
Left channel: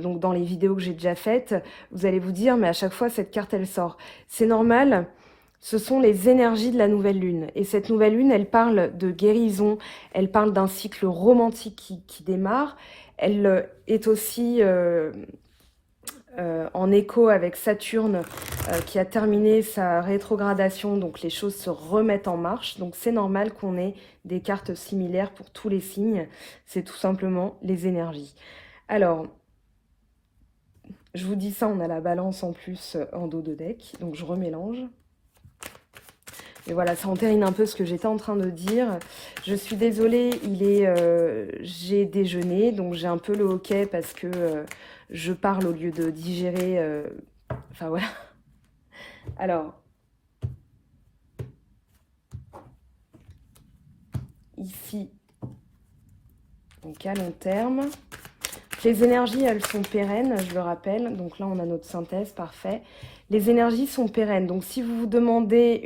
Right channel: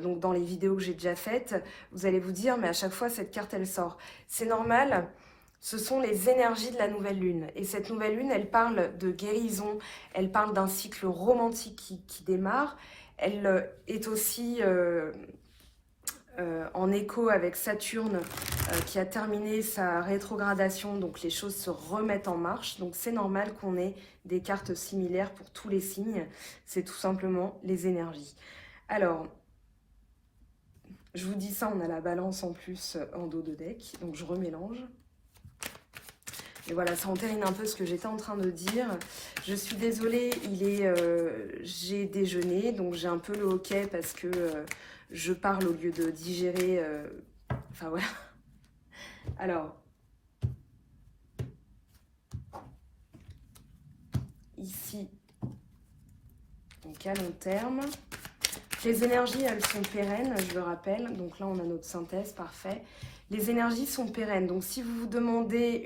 donc dans les vidéos que j'ai déjà faites, vous allez vous dire, mais à chaque fois, cette carte, elle sort. C'est normal, ce sont les énergies de la nouvelle lune. Et cette nouvelle lune, elle parle de guérison, elle parle d'un cycle romantique qui démarre. Elle est aussi... en écho avec Saturne qui a terminé sa rétrogradation, donc les choses se remettent en marche. Donc c'est normal qu'on ait des cartes similaires pour tous les signes. C'est tout simplement les énergies. Alors, je vous dis ça, on a la balance en plus en dos de deck, donc je remélange. Et voilà, ça entérine un peu ce que j'étais en train de dire. Je suis désolée, j'ai déjeuné, donc j'ai un peu le hoquet parce que je parle au lieu de digérer. Enfin voilà. Alors, ici, donc à long terme. Les énergies, elles sont pérennes, je le rappelle. Donc là, on a notre synthèse, parfait. Les énergies sont pérennes. Donc si vous vous demandez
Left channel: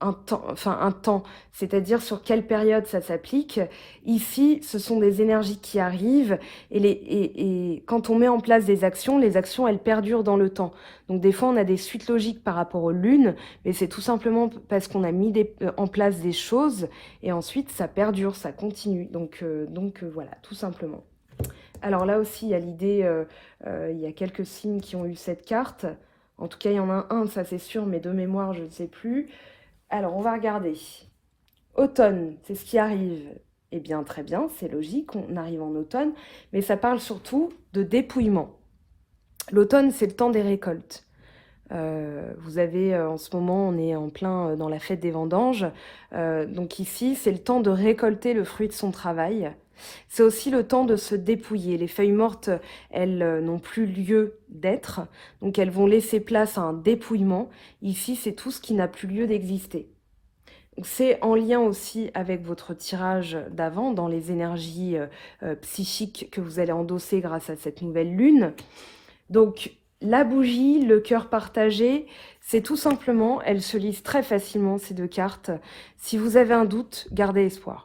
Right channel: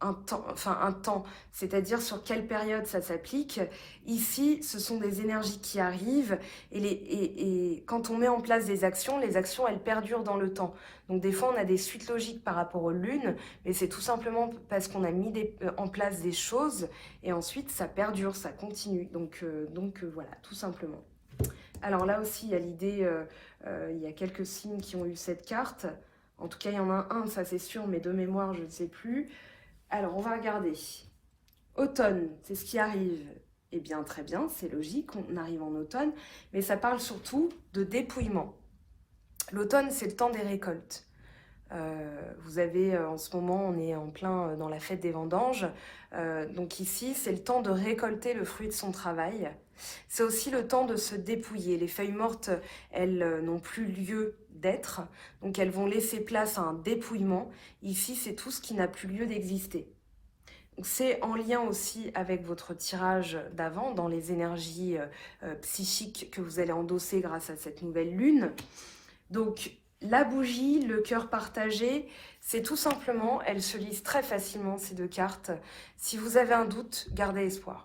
un temps, c'est-à-dire sur quelle période ça s'applique. Ici, ce sont des énergies qui arrivent et quand on met en place des actions, les actions, elles perdurent dans le temps. Donc des fois, on a des suites logiques par rapport aux lunes, mais c'est tout simplement parce qu'on a mis en place des choses et ensuite, ça perdure, ça continue. Donc voilà, tout simplement. Alors là aussi, il y a l'idée, il y a quelques signes qui ont eu cette carte. En tout cas, il y en a un, ça c'est sûr, mais de mémoire, je ne sais plus. Alors, on va regarder. Automne, c'est ce qui arrive. Eh bien, très bien, c'est logique, on arrive en automne, mais ça parle surtout de dépouillement. L'automne, c'est le temps des récoltes. Vous avez, en ce moment, on est en plein dans la fête des vendanges. Donc ici, c'est le temps de récolter le fruit de son travail. C'est aussi le temps de se dépouiller. Les feuilles mortes, elles n'ont plus lieu d'être, donc elles vont laisser place à un dépouillement. Ici, c'est tout ce qui n'a plus lieu d'exister. C'est en lien aussi avec votre tirage d'avant, dans les énergies psychiques que vous allez endosser grâce à cette nouvelle lune. Donc, la bougie, le cœur partagé, c'est tout simplement, elles se lisent très facilement, ces deux cartes. Si vous avez un doute, gardez espoir.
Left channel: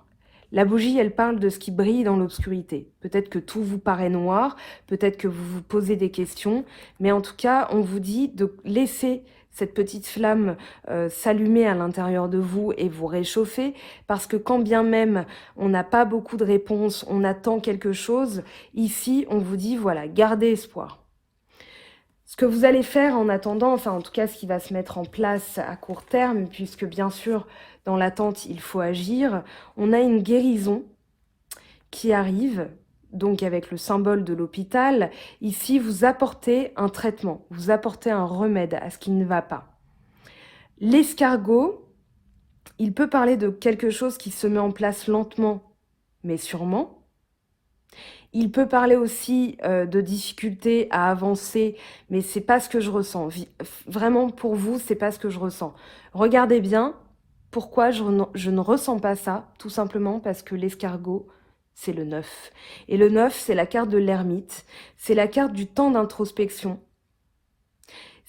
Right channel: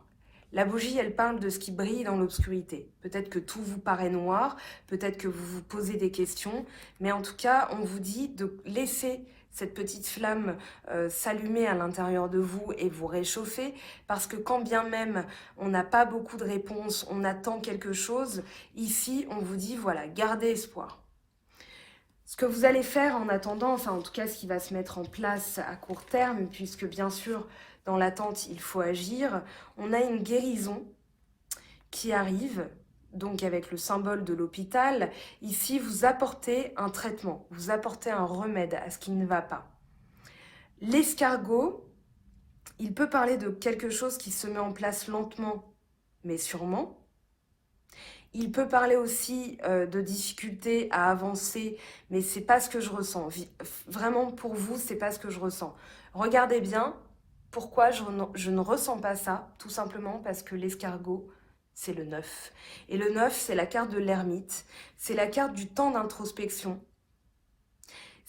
La bougie, elle parle de ce qui brille dans l'obscurité. Peut-être que tout vous paraît noir, peut-être que vous vous posez des questions, mais en tout cas, on vous dit de laisser cette petite flamme s'allumer à l'intérieur de vous et vous réchauffer, parce que quand bien même on n'a pas beaucoup de réponses, on attend quelque chose, ici, on vous dit, voilà, gardez espoir. Ce que vous allez faire en attendant, enfin en tout cas ce qui va se mettre en place à court terme, puisque bien sûr dans l'attente il faut agir, on a une guérison qui arrive, donc avec le symbole de l'hôpital. Ici vous apportez un traitement, vous apportez un remède à ce qui ne va pas. L'escargot, Il peut parler de quelque chose qui se met en place lentement, mais sûrement. Il peut parler aussi de difficultés à avancer, mais c'est pas ce que je ressens. Vraiment, pour vous, c'est pas ce que je ressens. Regardez bien pourquoi je ne ressens pas ça, tout simplement parce que l'escargot, c'est le 9. Et le 9, c'est la carte de l'ermite, c'est la carte du temps d'introspection.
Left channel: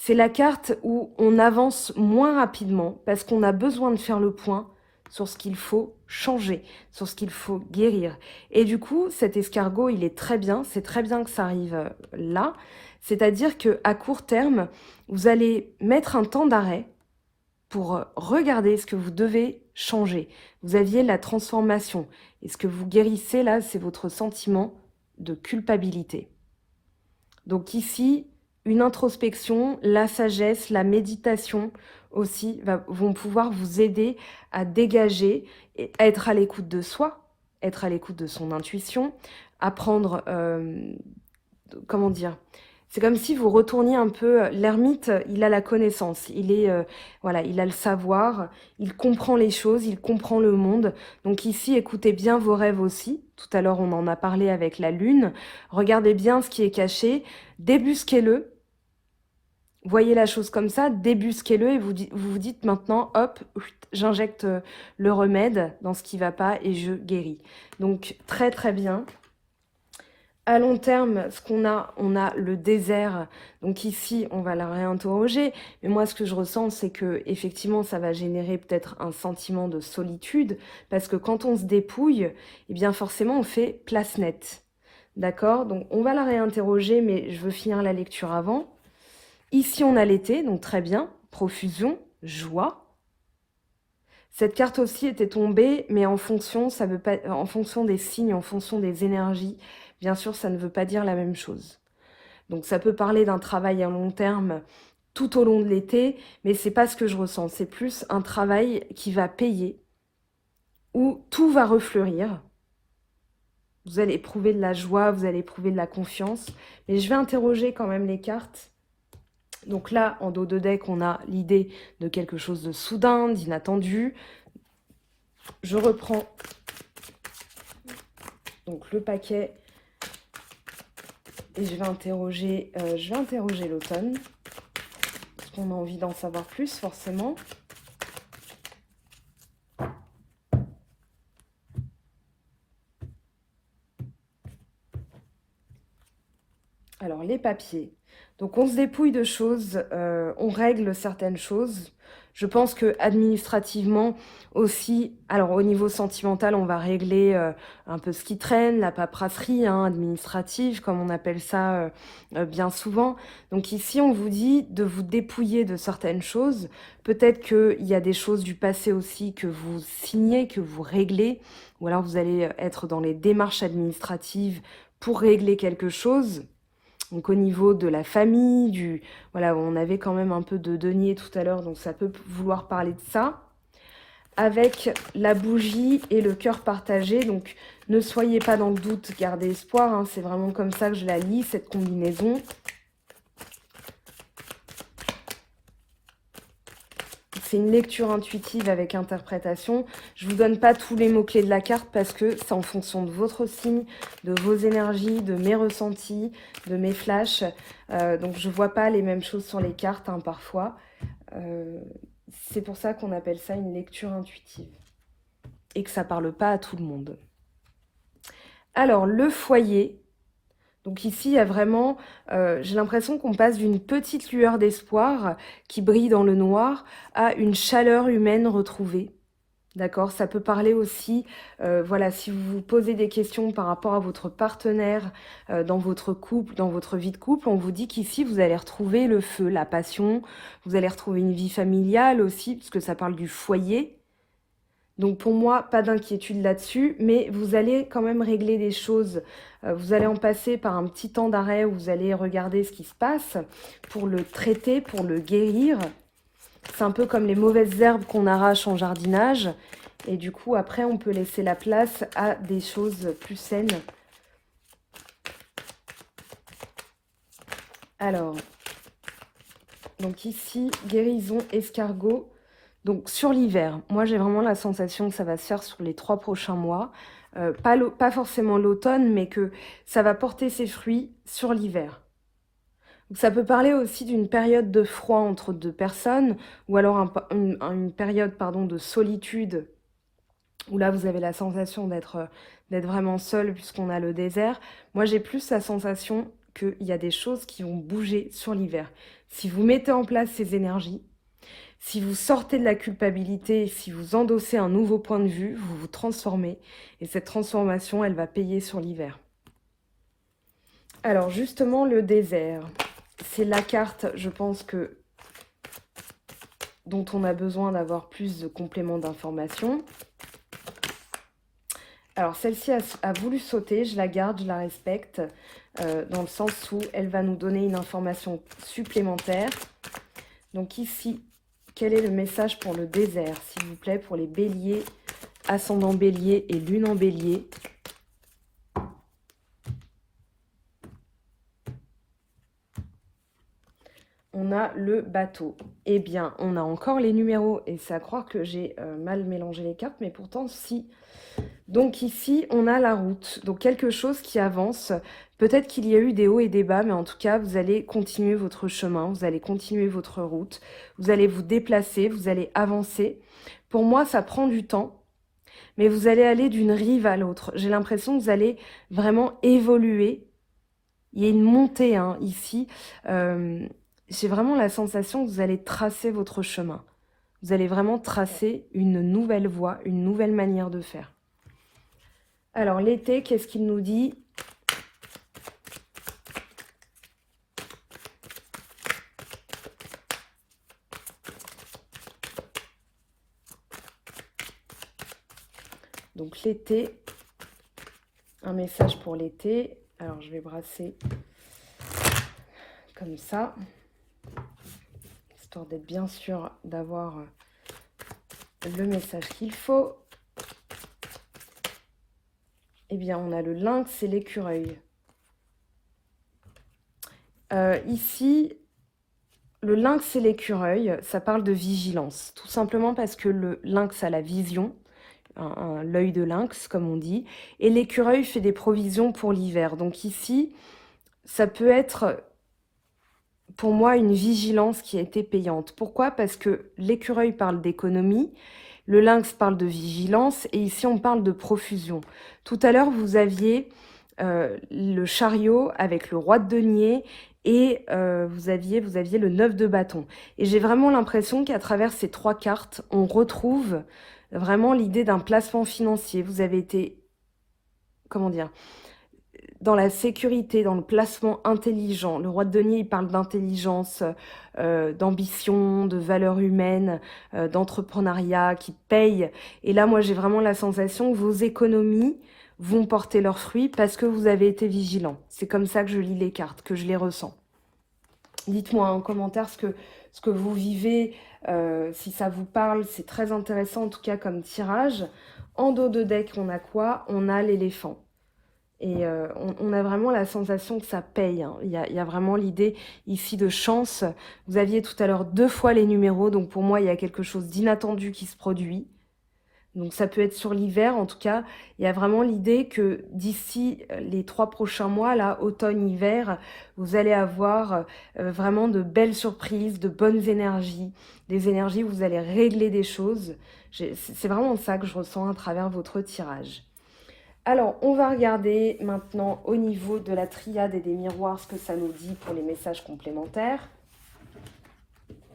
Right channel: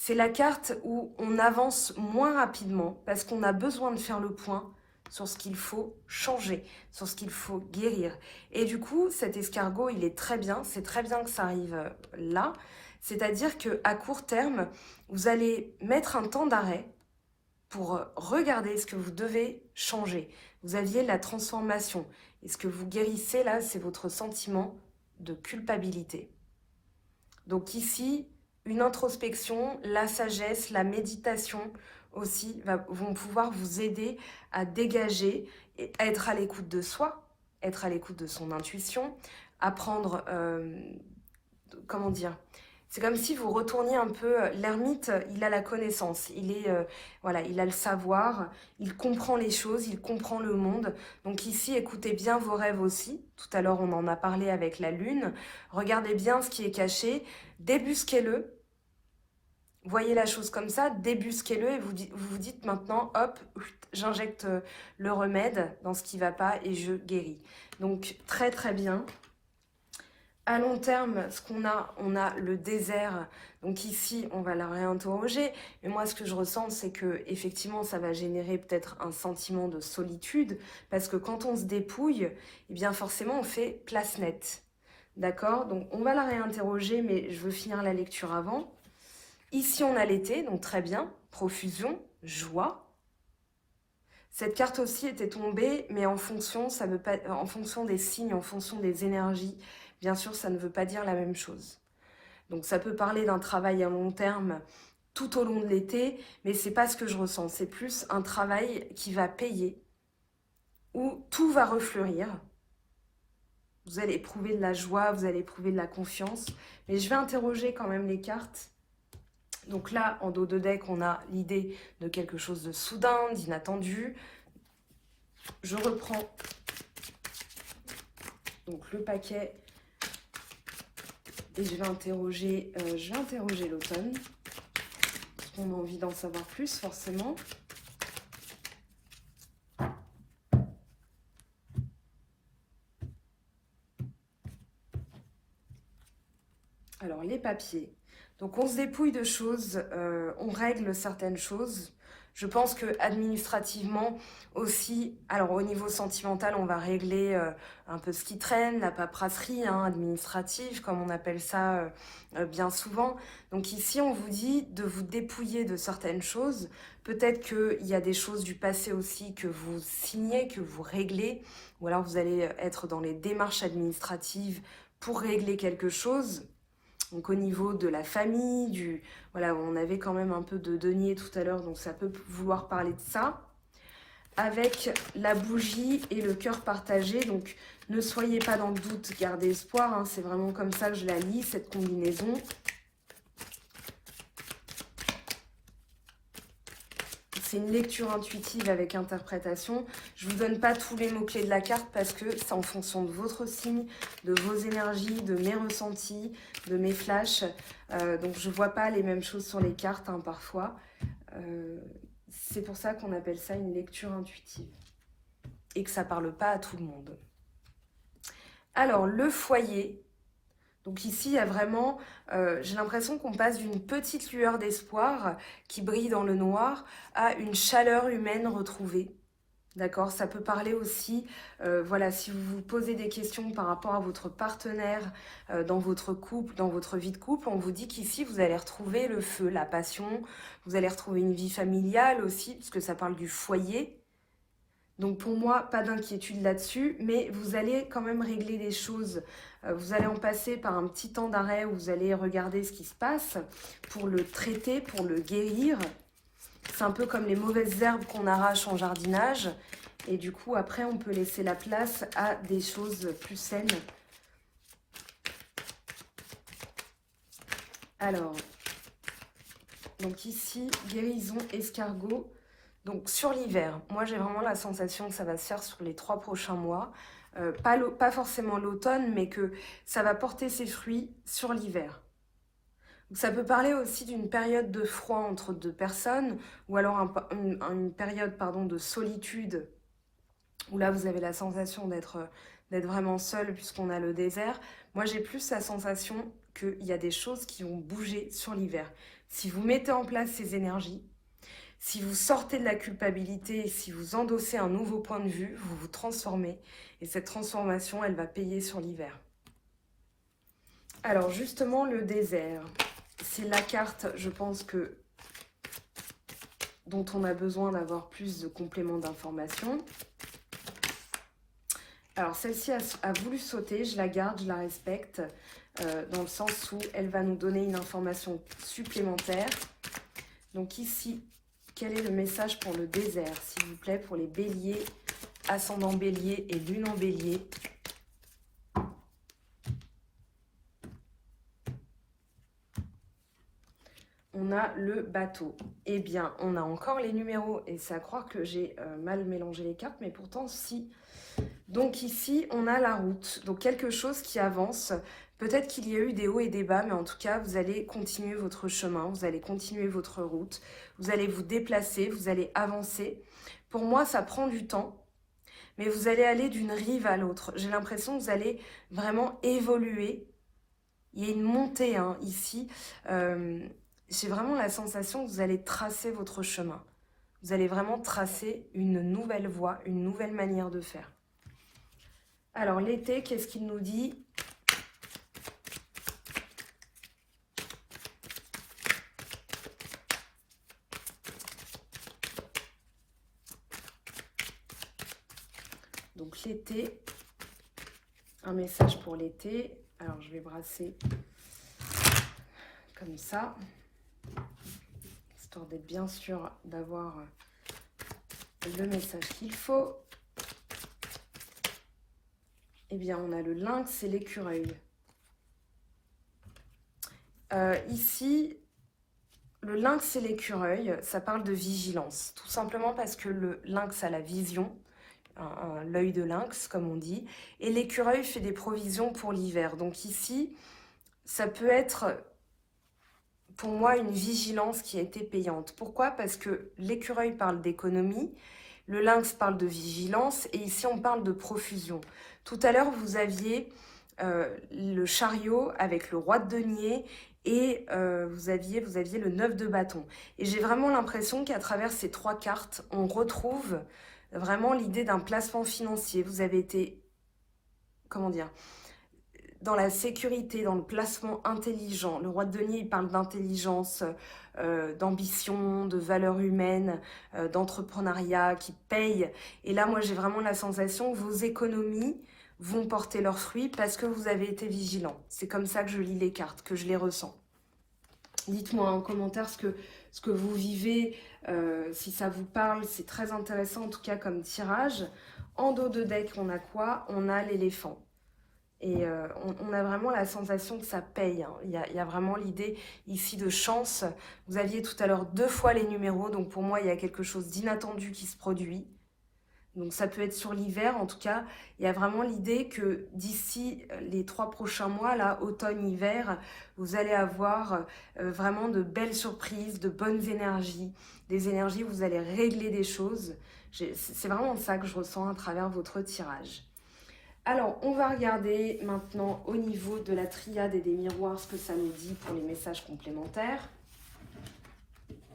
C'est la carte où on avance moins rapidement parce qu'on a besoin de faire le point sur ce qu'il faut changer, sur ce qu'il faut guérir. Et du coup, cet escargot, il est très bien, c'est très bien que ça arrive là. C'est-à-dire qu'à court terme, vous allez mettre un temps d'arrêt pour regarder ce que vous devez changer. Vous aviez la transformation. Et ce que vous guérissez là, c'est votre sentiment de culpabilité. Donc ici, une introspection, la sagesse, la méditation aussi vont pouvoir vous aider à dégager, et à être à l'écoute de soi, être à l'écoute de son intuition, apprendre, comment dire, c'est comme si vous retourniez un peu, l'ermite, il a la connaissance, voilà, il a le savoir, il comprend les choses, il comprend le monde. Donc ici, écoutez bien vos rêves aussi. Tout à l'heure, on en a parlé avec la lune. Regardez bien ce qui est caché, débusquez-le. Voyez la chose comme ça, débusquez-le et vous vous dites maintenant, hop, j'injecte le remède dans ce qui ne va pas et je guéris. Donc très très bien. À long terme, ce qu'on a, on a le désert. Donc ici, on va la réinterroger. Mais moi, ce que je ressens, c'est que effectivement, ça va générer peut-être un sentiment de solitude, parce que quand on se dépouille, eh bien forcément, on fait place nette. D'accord? Donc on va la réinterroger, mais je veux finir la lecture avant. Ici, on a l'été, donc très bien. Profusion, joie. Cette carte aussi était tombée, mais en fonction, ça veut pas, en fonction des signes, en fonction des énergies. Bien sûr, ça ne veut pas dire la même chose. Donc ça peut parler d'un travail à long terme tout au long de l'été, mais c'est pas ce que je ressens. C'est plus un travail qui va payer, où tout va refleurir. Vous allez éprouver de la joie, vous allez éprouver de la confiance. Mais je vais interroger quand même les cartes. Donc là, en dos de deck, on a l'idée de quelque chose de soudain, d'inattendu. Je reprends donc le paquet et je vais interroger l'automne. Parce qu'on a envie d'en savoir plus, forcément. Alors, les papiers. Donc, on se dépouille de choses, on règle certaines choses. Je pense que administrativement aussi, alors au niveau sentimental, on va régler un peu ce qui traîne, la paperasserie administrative, comme on appelle ça bien souvent. Donc ici, on vous dit de vous dépouiller de certaines choses. Peut-être qu'il y a des choses du passé aussi que vous signez, que vous réglez, ou alors vous allez être dans les démarches administratives pour régler quelque chose. Donc au niveau de la famille, voilà, on avait quand même un peu de denier tout à l'heure, donc ça peut vouloir parler de ça. Avec la bougie et le cœur partagé, donc ne soyez pas dans le doute, gardez espoir, c'est vraiment comme ça que je la lis, cette combinaison. C'est une lecture intuitive avec interprétation. Je ne vous donne pas tous les mots-clés de la carte parce que c'est en fonction de votre signe, de vos énergies, de mes ressentis, de mes flashs. Donc je ne vois pas les mêmes choses sur les cartes parfois. C'est pour ça qu'on appelle ça une lecture intuitive. Et que ça ne parle pas à tout le monde. Alors, le foyer. Donc ici, il y a vraiment, j'ai l'impression qu'on passe d'une petite lueur d'espoir qui brille dans le noir à une chaleur humaine retrouvée. D'accord? Ça peut parler aussi, voilà, si vous vous posez des questions par rapport à votre partenaire, dans votre couple, dans votre vie de couple, on vous dit qu'ici, vous allez retrouver le feu, la passion, vous allez retrouver une vie familiale aussi, parce que ça parle du foyer. Donc pour moi, pas d'inquiétude là-dessus, mais vous allez quand même régler les choses. Vous allez en passer par un petit temps d'arrêt où vous allez regarder ce qui se passe pour le traiter, pour le guérir. C'est un peu comme les mauvaises herbes qu'on arrache en jardinage. Et du coup, après, on peut laisser la place à des choses plus saines. Alors, donc ici, guérison, escargot. Donc sur l'hiver, moi j'ai vraiment la sensation que ça va se faire sur les 3 prochains mois. Pas forcément l'automne, mais que ça va porter ses fruits sur l'hiver. Donc, ça peut parler aussi d'une période de froid entre deux personnes, ou alors une période pardon, de solitude, où là vous avez la sensation d'être vraiment seul puisqu'on a le désert. Moi j'ai plus la sensation qu'il y a des choses qui vont bouger sur l'hiver. Si vous mettez en place ces énergies, si vous sortez de la culpabilité, si vous endossez un nouveau point de vue, vous vous transformez. Et cette transformation, elle va payer sur l'hiver. Alors justement, le désert, c'est la carte, je pense que dont on a besoin d'avoir plus de compléments d'informations. Alors celle-ci a voulu sauter, je la garde, je la respecte, dans le sens où elle va nous donner une information supplémentaire. Donc ici, quel est le message pour le désert, s'il vous plaît, pour les béliers, ascendant bélier et lune en bélier? On a le bateau. Eh bien, on a encore les numéros, et c'est à croire que j'ai mal mélangé les cartes, mais pourtant, si. Donc ici, on a la route, donc quelque chose qui avance. Peut-être qu'il y a eu des hauts et des bas, mais en tout cas, vous allez continuer votre chemin, vous allez continuer votre route, vous allez vous déplacer, vous allez avancer. Pour moi, ça prend du temps, mais vous allez aller d'une rive à l'autre. J'ai l'impression que vous allez vraiment évoluer. Il y a une montée ici. J'ai vraiment la sensation que vous allez tracer votre chemin. Vous allez vraiment tracer une nouvelle voie, une nouvelle manière de faire. Alors, l'été, qu'est-ce qu'il nous dit? Donc, l'été, un message pour l'été. Alors, je vais brasser comme ça, histoire d'être bien sûr d'avoir le message qu'il faut. Eh bien, on a le lynx et l'écureuil. Ici, le lynx et l'écureuil, ça parle de vigilance. Tout simplement parce que le lynx a la vision, l'œil de lynx, comme on dit, et l'écureuil fait des provisions pour l'hiver. Donc ici, ça peut être, pour moi, une vigilance qui a été payante. Pourquoi? Parce que l'écureuil parle d'économie, le lynx parle de vigilance, et ici, on parle de profusion. Tout à l'heure, vous aviez le chariot avec le roi de denier, et vous aviez le 9 de bâton. Et j'ai vraiment l'impression qu'à travers ces 3 cartes, on retrouve vraiment l'idée d'un placement financier. Vous avez été, comment dire, dans la sécurité, dans le placement intelligent. Le roi de denier, il parle d'intelligence, d'ambition, de valeurs humaines, d'entrepreneuriat qui paye. Et là, moi, j'ai vraiment la sensation que vos économies vont porter leurs fruits parce que vous avez été vigilant. C'est comme ça que je lis les cartes, que je les ressens. Dites-moi en commentaire ce que vous vivez, si ça vous parle. C'est très intéressant en tout cas comme tirage. En dos de deck, on a quoi? On a l'éléphant. Et on a vraiment la sensation que ça paye. Il y a vraiment l'idée ici de chance. Vous aviez tout à l'heure 2 fois les numéros, donc pour moi, il y a quelque chose d'inattendu qui se produit. Donc ça peut être sur l'hiver, en tout cas, il y a vraiment l'idée que d'ici les 3 prochains mois, là, automne, hiver, vous allez avoir vraiment de belles surprises, de bonnes énergies, des énergies où vous allez régler des choses. C'est vraiment ça que je ressens à travers votre tirage. Alors, on va regarder maintenant au niveau de la triade et des miroirs ce que ça nous dit pour les messages complémentaires.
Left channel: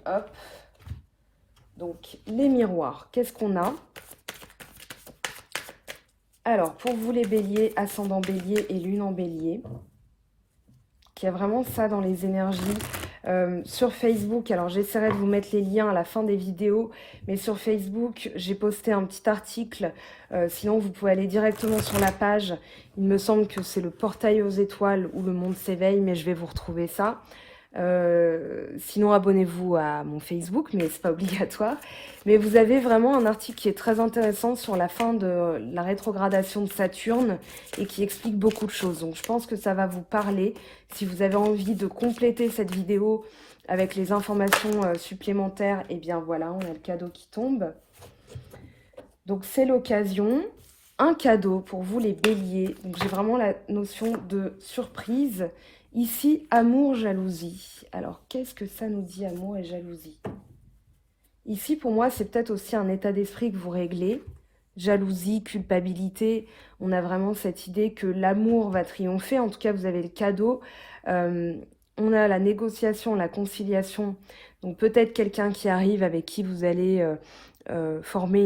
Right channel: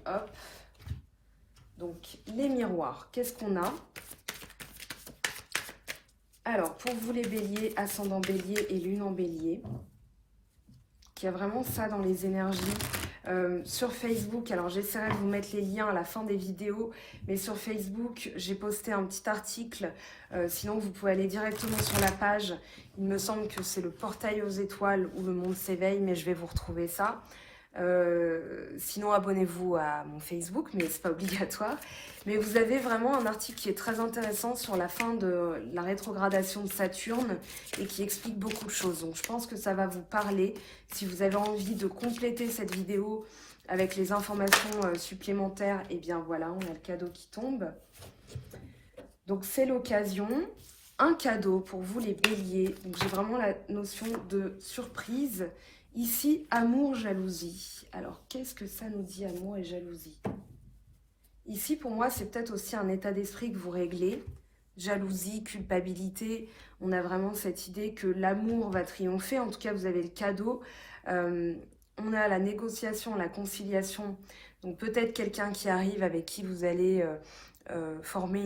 Hop. Donc, les miroirs, qu'est-ce qu'on a? Alors, pour vous les béliers, ascendant bélier et lune en bélier, qu'il y a vraiment ça dans les énergies. Sur Facebook, alors j'essaierai de vous mettre les liens à la fin des vidéos, mais sur Facebook, j'ai posté un petit article. Sinon, vous pouvez aller directement sur la page. Il me semble que c'est le portail aux étoiles où le monde s'éveille, mais je vais vous retrouver ça. Sinon, abonnez-vous à mon Facebook, mais c'est pas obligatoire. Mais vous avez vraiment un article qui est très intéressant sur la fin de la rétrogradation de Saturne et qui explique beaucoup de choses. Donc, je pense que ça va vous parler. Si vous avez envie de compléter cette vidéo avec les informations supplémentaires, et bien voilà, on a le cadeau qui tombe. Donc c'est l'occasion. Un cadeau pour vous les béliers. Donc j'ai vraiment la notion de surprise. Ici, amour, jalousie. Alors qu'est-ce que ça nous dit, amour et jalousie? Ici, pour moi, c'est peut-être aussi un état d'esprit que vous réglez. Jalousie, culpabilité. On a vraiment cette idée que l'amour va triompher. En tout cas, vous avez le cadeau. On a la négociation, la conciliation. Donc peut-être quelqu'un qui arrive avec qui vous allez former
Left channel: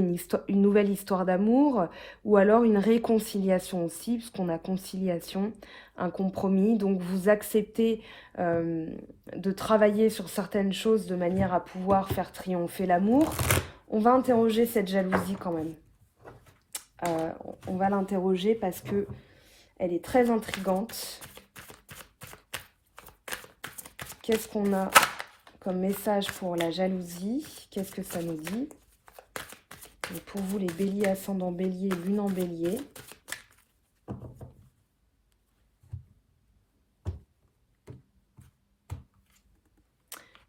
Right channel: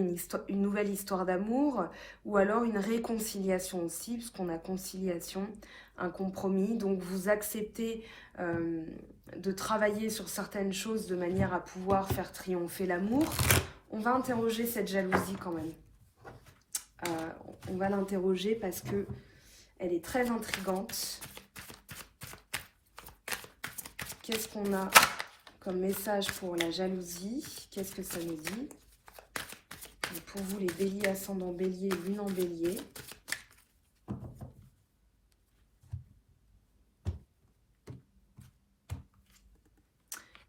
une nouvelle histoire d'amour, ou alors une réconciliation aussi, puisqu'on a conciliation, un compromis. Donc vous acceptez de travailler sur certaines choses de manière à pouvoir faire triompher l'amour. On va interroger cette jalousie quand même. On va l'interroger parce que elle est très intrigante. Qu'est-ce qu'on a comme message pour la jalousie? Qu'est-ce que ça nous dit? Et pour vous, les béliers, ascendant bélier, lune en bélier.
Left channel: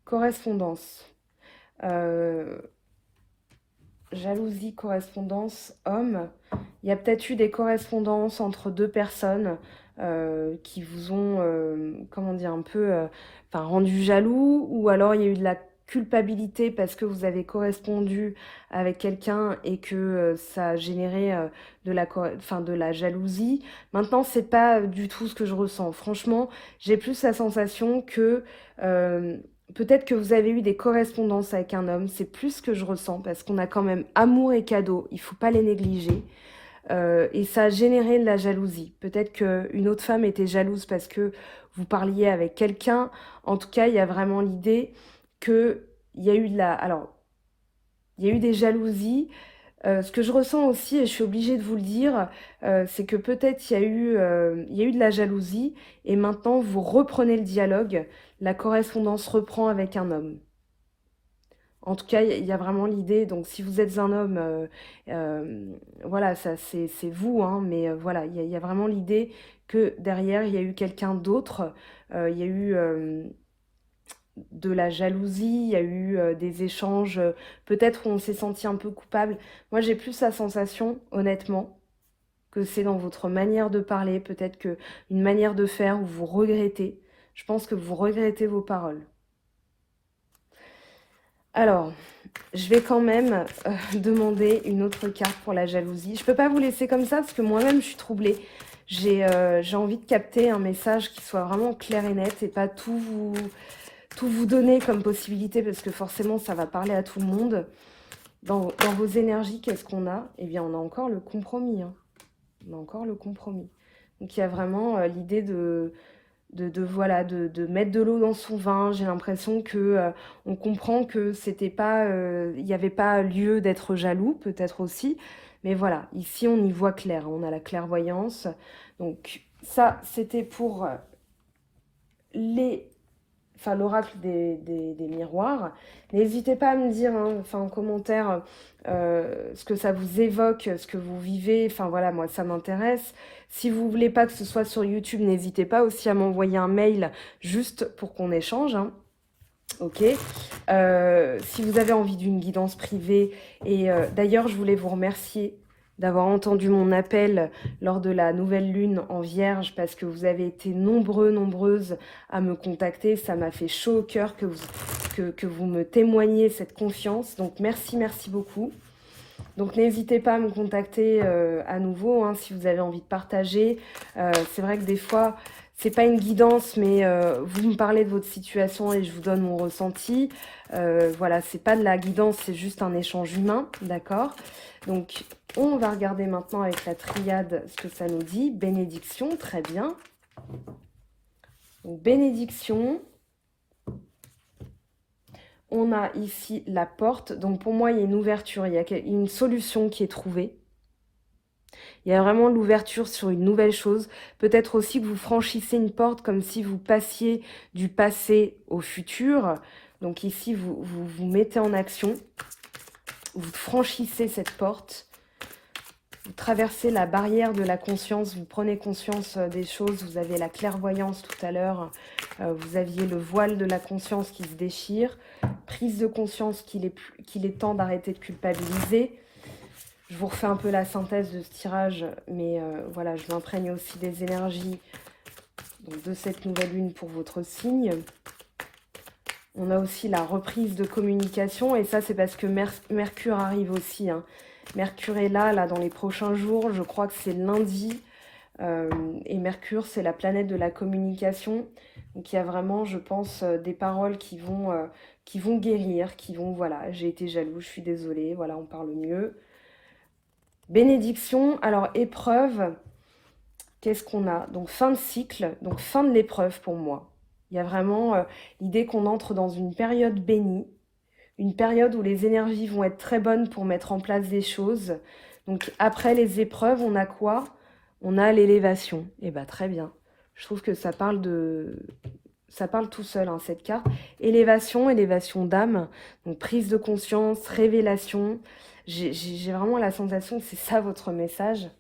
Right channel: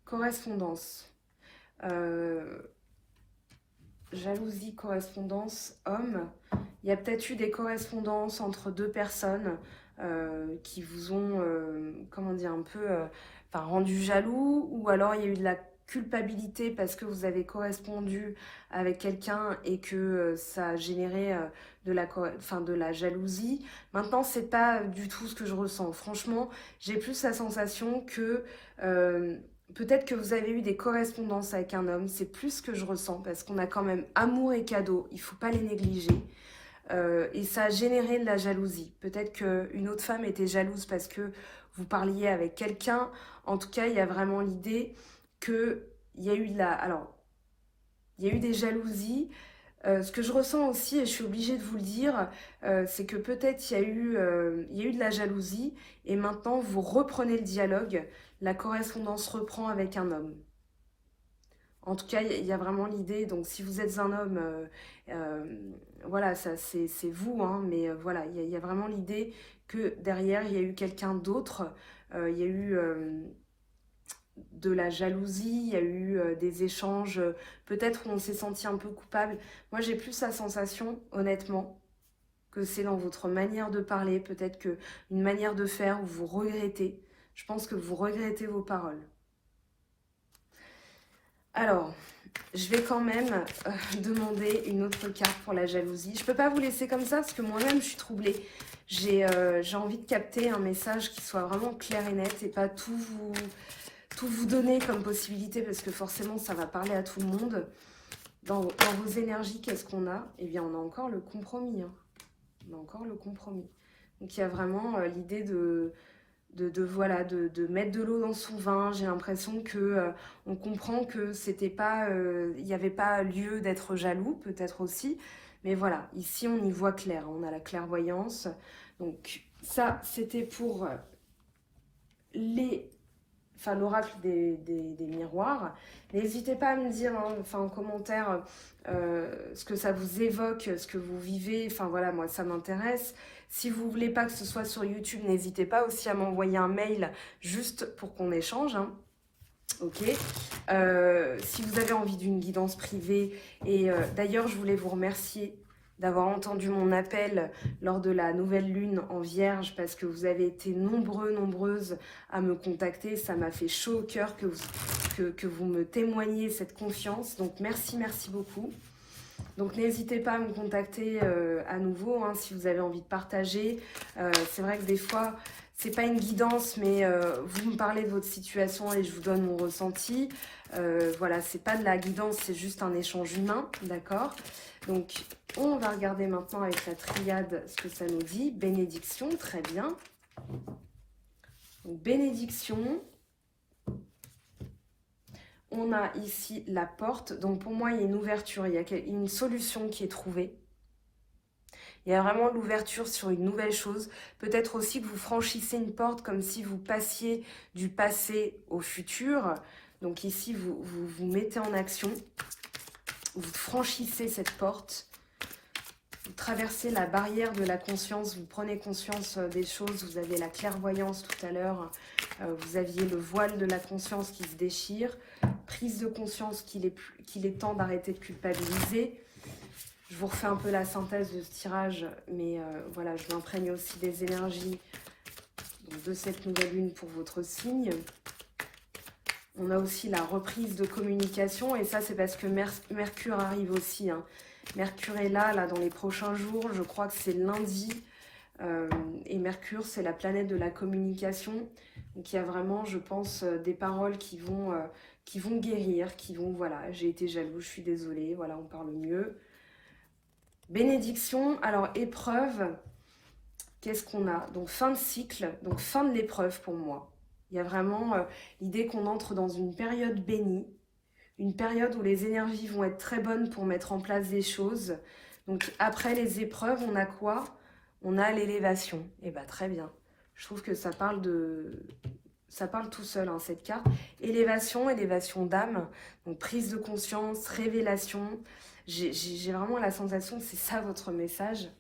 Correspondance. Jalousie, correspondance, homme. Il y a peut-être eu des correspondances entre deux personnes qui vous ont, comment dire, un peu rendu jaloux, ou alors il y a eu de la culpabilité parce que vous avez correspondu avec quelqu'un et que ça a généré de la jalousie. Maintenant, c'est pas du tout ce que je ressens. Franchement, j'ai plus la sensation que peut-être que vous avez eu des correspondances avec un homme. C'est plus ce que je ressens parce qu'on a quand même amour et cadeau. Il faut pas les négliger. Et ça a généré de la jalousie. Peut-être qu'une autre femme était jalouse parce que vous parliez avec quelqu'un. En tout cas, il y a vraiment l'idée qu'il y a eu il y a eu des jalousies. Ce que je ressens aussi, et je suis obligée de vous le dire, c'est que peut-être il y a eu de la jalousie, et maintenant vous reprenez le dialogue, la correspondance reprend avec un homme. En tout cas, il y a vraiment l'idée, donc si vous êtes un homme, voilà, ça c'est vous, hein, mais voilà, il y a vraiment l'idée que derrière, il y a eu quelqu'un d'autre, il y a eu de la jalousie, il y a eu des échanges, peut-être où on s'est senti un peu coupable. Moi, j'ai plus la sensation, honnêtement, que c'est dans votre manière de parler, peut-être que une manière de faire où vous regrettez. Je pense que vous regrettez vos paroles. Alors, je vais quand même demander une autre carte pour la jalousie. Je ne peux pas vous laisser comme ça parce que moi-même, je suis troublée. J'ai envie de capter un message qui soit vraiment clair et net et pas tout vous donner comme possibilité parce que forcément, ça va parler à tout le monde. Dans vos énergies, qu'est-ce qu'on a? Eh bien, on a encore le compromis. Hein. On a encore le compromis. Donc, il y a vraiment l'idée de mettre de l'eau dans son vin. J'ai l'impression que on comprend que c'était pas, il n'y avait pas lieu d'être jaloux, peut-être aussi. Mais voilà, ici on y voit clair, on a la clairvoyance. Donc ça, c'était pour l'oracle des miroirs. N'hésitez pas à me dire en commentaire ce que ça vous évoque, ce que vous vivez. Enfin voilà, moi ça m'intéresse. Si vous voulez pas que ce soit sur YouTube, n'hésitez pas aussi à m'envoyer un mail juste pour qu'on échange. Hein. Ok. Si vous avez envie d'une guidance privée, et d'ailleurs je voulais vous remercier d'avoir entendu mon appel lors de la nouvelle lune en Vierge, parce que vous avez été nombreuses à me contacter. Ça m'a fait chaud au cœur que vous me témoigniez cette confiance. Donc merci beaucoup. Donc n'hésitez pas à me contacter à nouveau hein, si vous avez envie de partager. C'est vrai que des fois, c'est pas une guidance, mais vous me parlez de votre situation et je vous donne mon ressenti. Voilà, c'est pas de la guidance, c'est juste un échange humain, d'accord? Donc, on va regarder maintenant avec la triade ce que ça nous dit. Bénédiction, très bien. Donc, bénédiction. On a ici la porte. Donc, pour moi, il y a une ouverture, il y a une solution qui est trouvée. Il y a vraiment l'ouverture sur une nouvelle chose. Peut-être aussi que vous franchissez une porte comme si vous passiez du passé au futur. Donc ici, vous mettez en action. Vous franchissez cette porte. vous traversez la barrière de la conscience, vous prenez conscience des choses, vous avez la clairvoyance tout à l'heure, vous aviez le voile de la conscience qui se déchire, prise de conscience qu'il est temps d'arrêter de culpabiliser. Je vous refais un peu la synthèse de ce tirage, mais voilà, je m'imprègne aussi des énergies donc, de cette nouvelle lune pour votre signe. On a aussi la reprise de communication, et ça c'est parce que Mercure arrive aussi, hein. Mercure est là dans les prochains jours, je crois que c'est lundi, et Mercure c'est la planète de la communication, donc il y a vraiment, je pense, des paroles qui vont guérir, qui vont, voilà, j'ai été jaloux, je suis désolée, voilà, on parle mieux. Bénédiction, alors épreuve, qu'est-ce qu'on a? Donc fin de cycle, donc fin de l'épreuve pour moi. Il y a vraiment l'idée qu'on entre dans une période bénie, une période où les énergies vont être très bonnes pour mettre en place des choses. Donc après les épreuves, on a quoi? On a l'élévation. Et bien très bien. Je trouve que ça parle tout seul, hein, cette carte. Élévation, élévation d'âme, donc prise de conscience, révélation. J'ai vraiment la sensation que c'est ça votre message.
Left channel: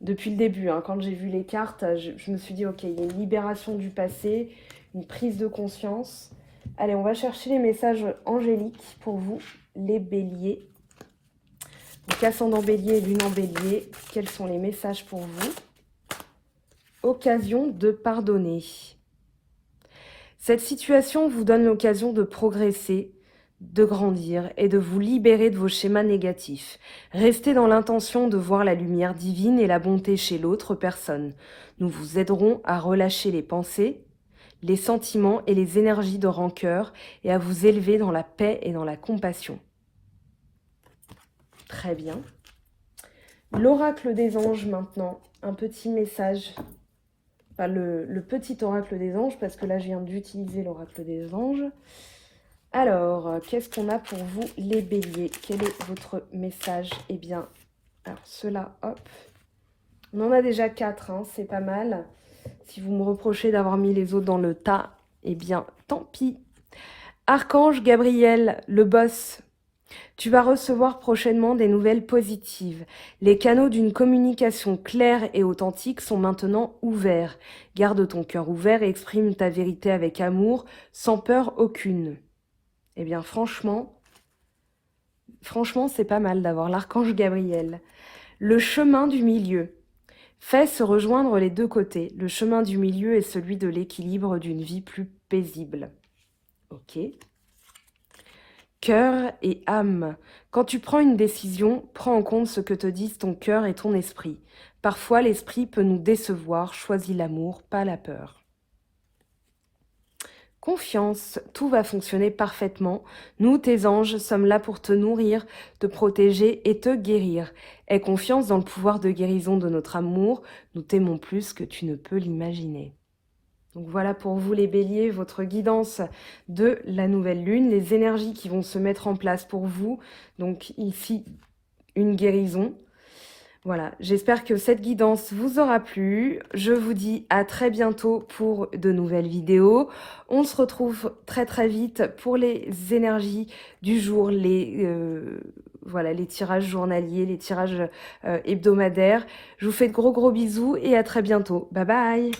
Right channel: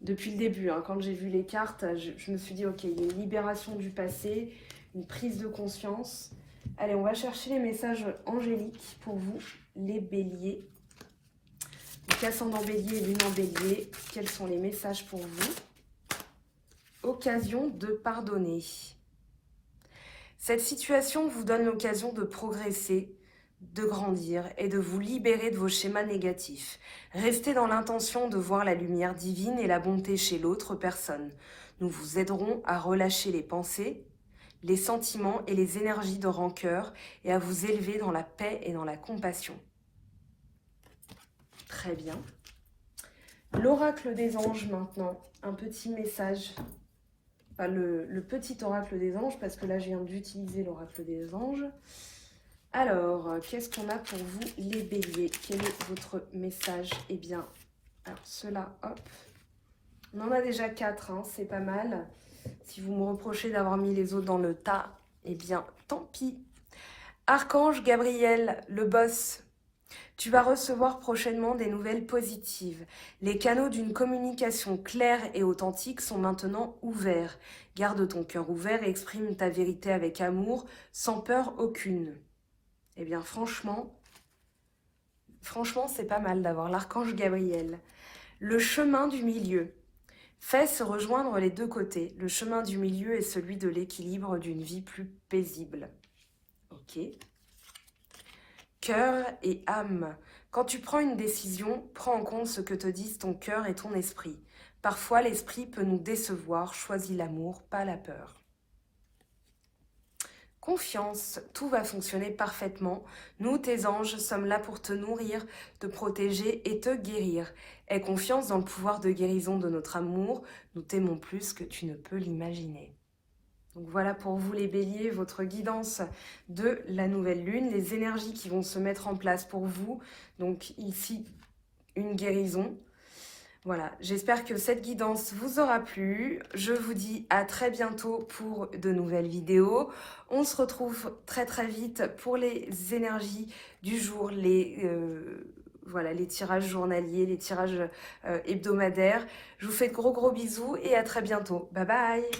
Depuis le début, hein, quand j'ai vu les cartes, je me suis dit, ok, il y a une libération du passé, une prise de conscience. Allez, on va chercher les messages angéliques pour vous, les béliers. Donc, ascendant bélier et lune en bélier, quels sont les messages pour vous? Occasion de pardonner. Cette situation vous donne l'occasion de progresser, de grandir et de vous libérer de vos schémas négatifs. Restez dans l'intention de voir la lumière divine et la bonté chez l'autre personne. Nous vous aiderons à relâcher les pensées, les sentiments et les énergies de rancœur et à vous élever dans la paix et dans la compassion. Très bien. L'oracle des anges maintenant, un petit message. Enfin, le petit oracle des anges, parce que là je viens d'utiliser l'oracle des anges. Alors, qu'est-ce qu'on a pour vous les béliers? Quel est votre message? Eh bien, alors ceux-là, hop. On en a déjà 4, hein, c'est pas mal. Si vous me reprochez d'avoir mis les autres dans le tas, eh bien, tant pis. Archange Gabriel, le boss, tu vas recevoir prochainement des nouvelles positives. Les canaux d'une communication claire et authentique sont maintenant ouverts. Garde ton cœur ouvert et exprime ta vérité avec amour, sans peur aucune. Eh bien, franchement, c'est pas mal d'avoir l'archange Gabriel. Le chemin du milieu. Fais se rejoindre les deux côtés. Le chemin du milieu est celui de l'équilibre d'une vie plus paisible. Ok. Cœur et âme. Quand tu prends une décision, prends en compte ce que te disent ton cœur et ton esprit. Parfois, l'esprit peut nous décevoir. Choisis l'amour, pas la peur. Confiance, tout va fonctionner parfaitement. Nous, tes anges, sommes là pour te nourrir, te protéger et te guérir. Aie confiance dans le pouvoir de guérison de notre amour. Nous t'aimons plus que tu ne peux l'imaginer. Donc voilà pour vous les béliers, votre guidance de la nouvelle lune, les énergies qui vont se mettre en place pour vous. Donc ici, une guérison. Voilà, j'espère que cette guidance vous aura plu. Je vous dis à très bientôt pour de nouvelles vidéos. On se retrouve très très vite pour les énergies du jour, voilà, les tirages journaliers, les tirages hebdomadaires. Je vous fais de gros bisous et à très bientôt. Bye bye!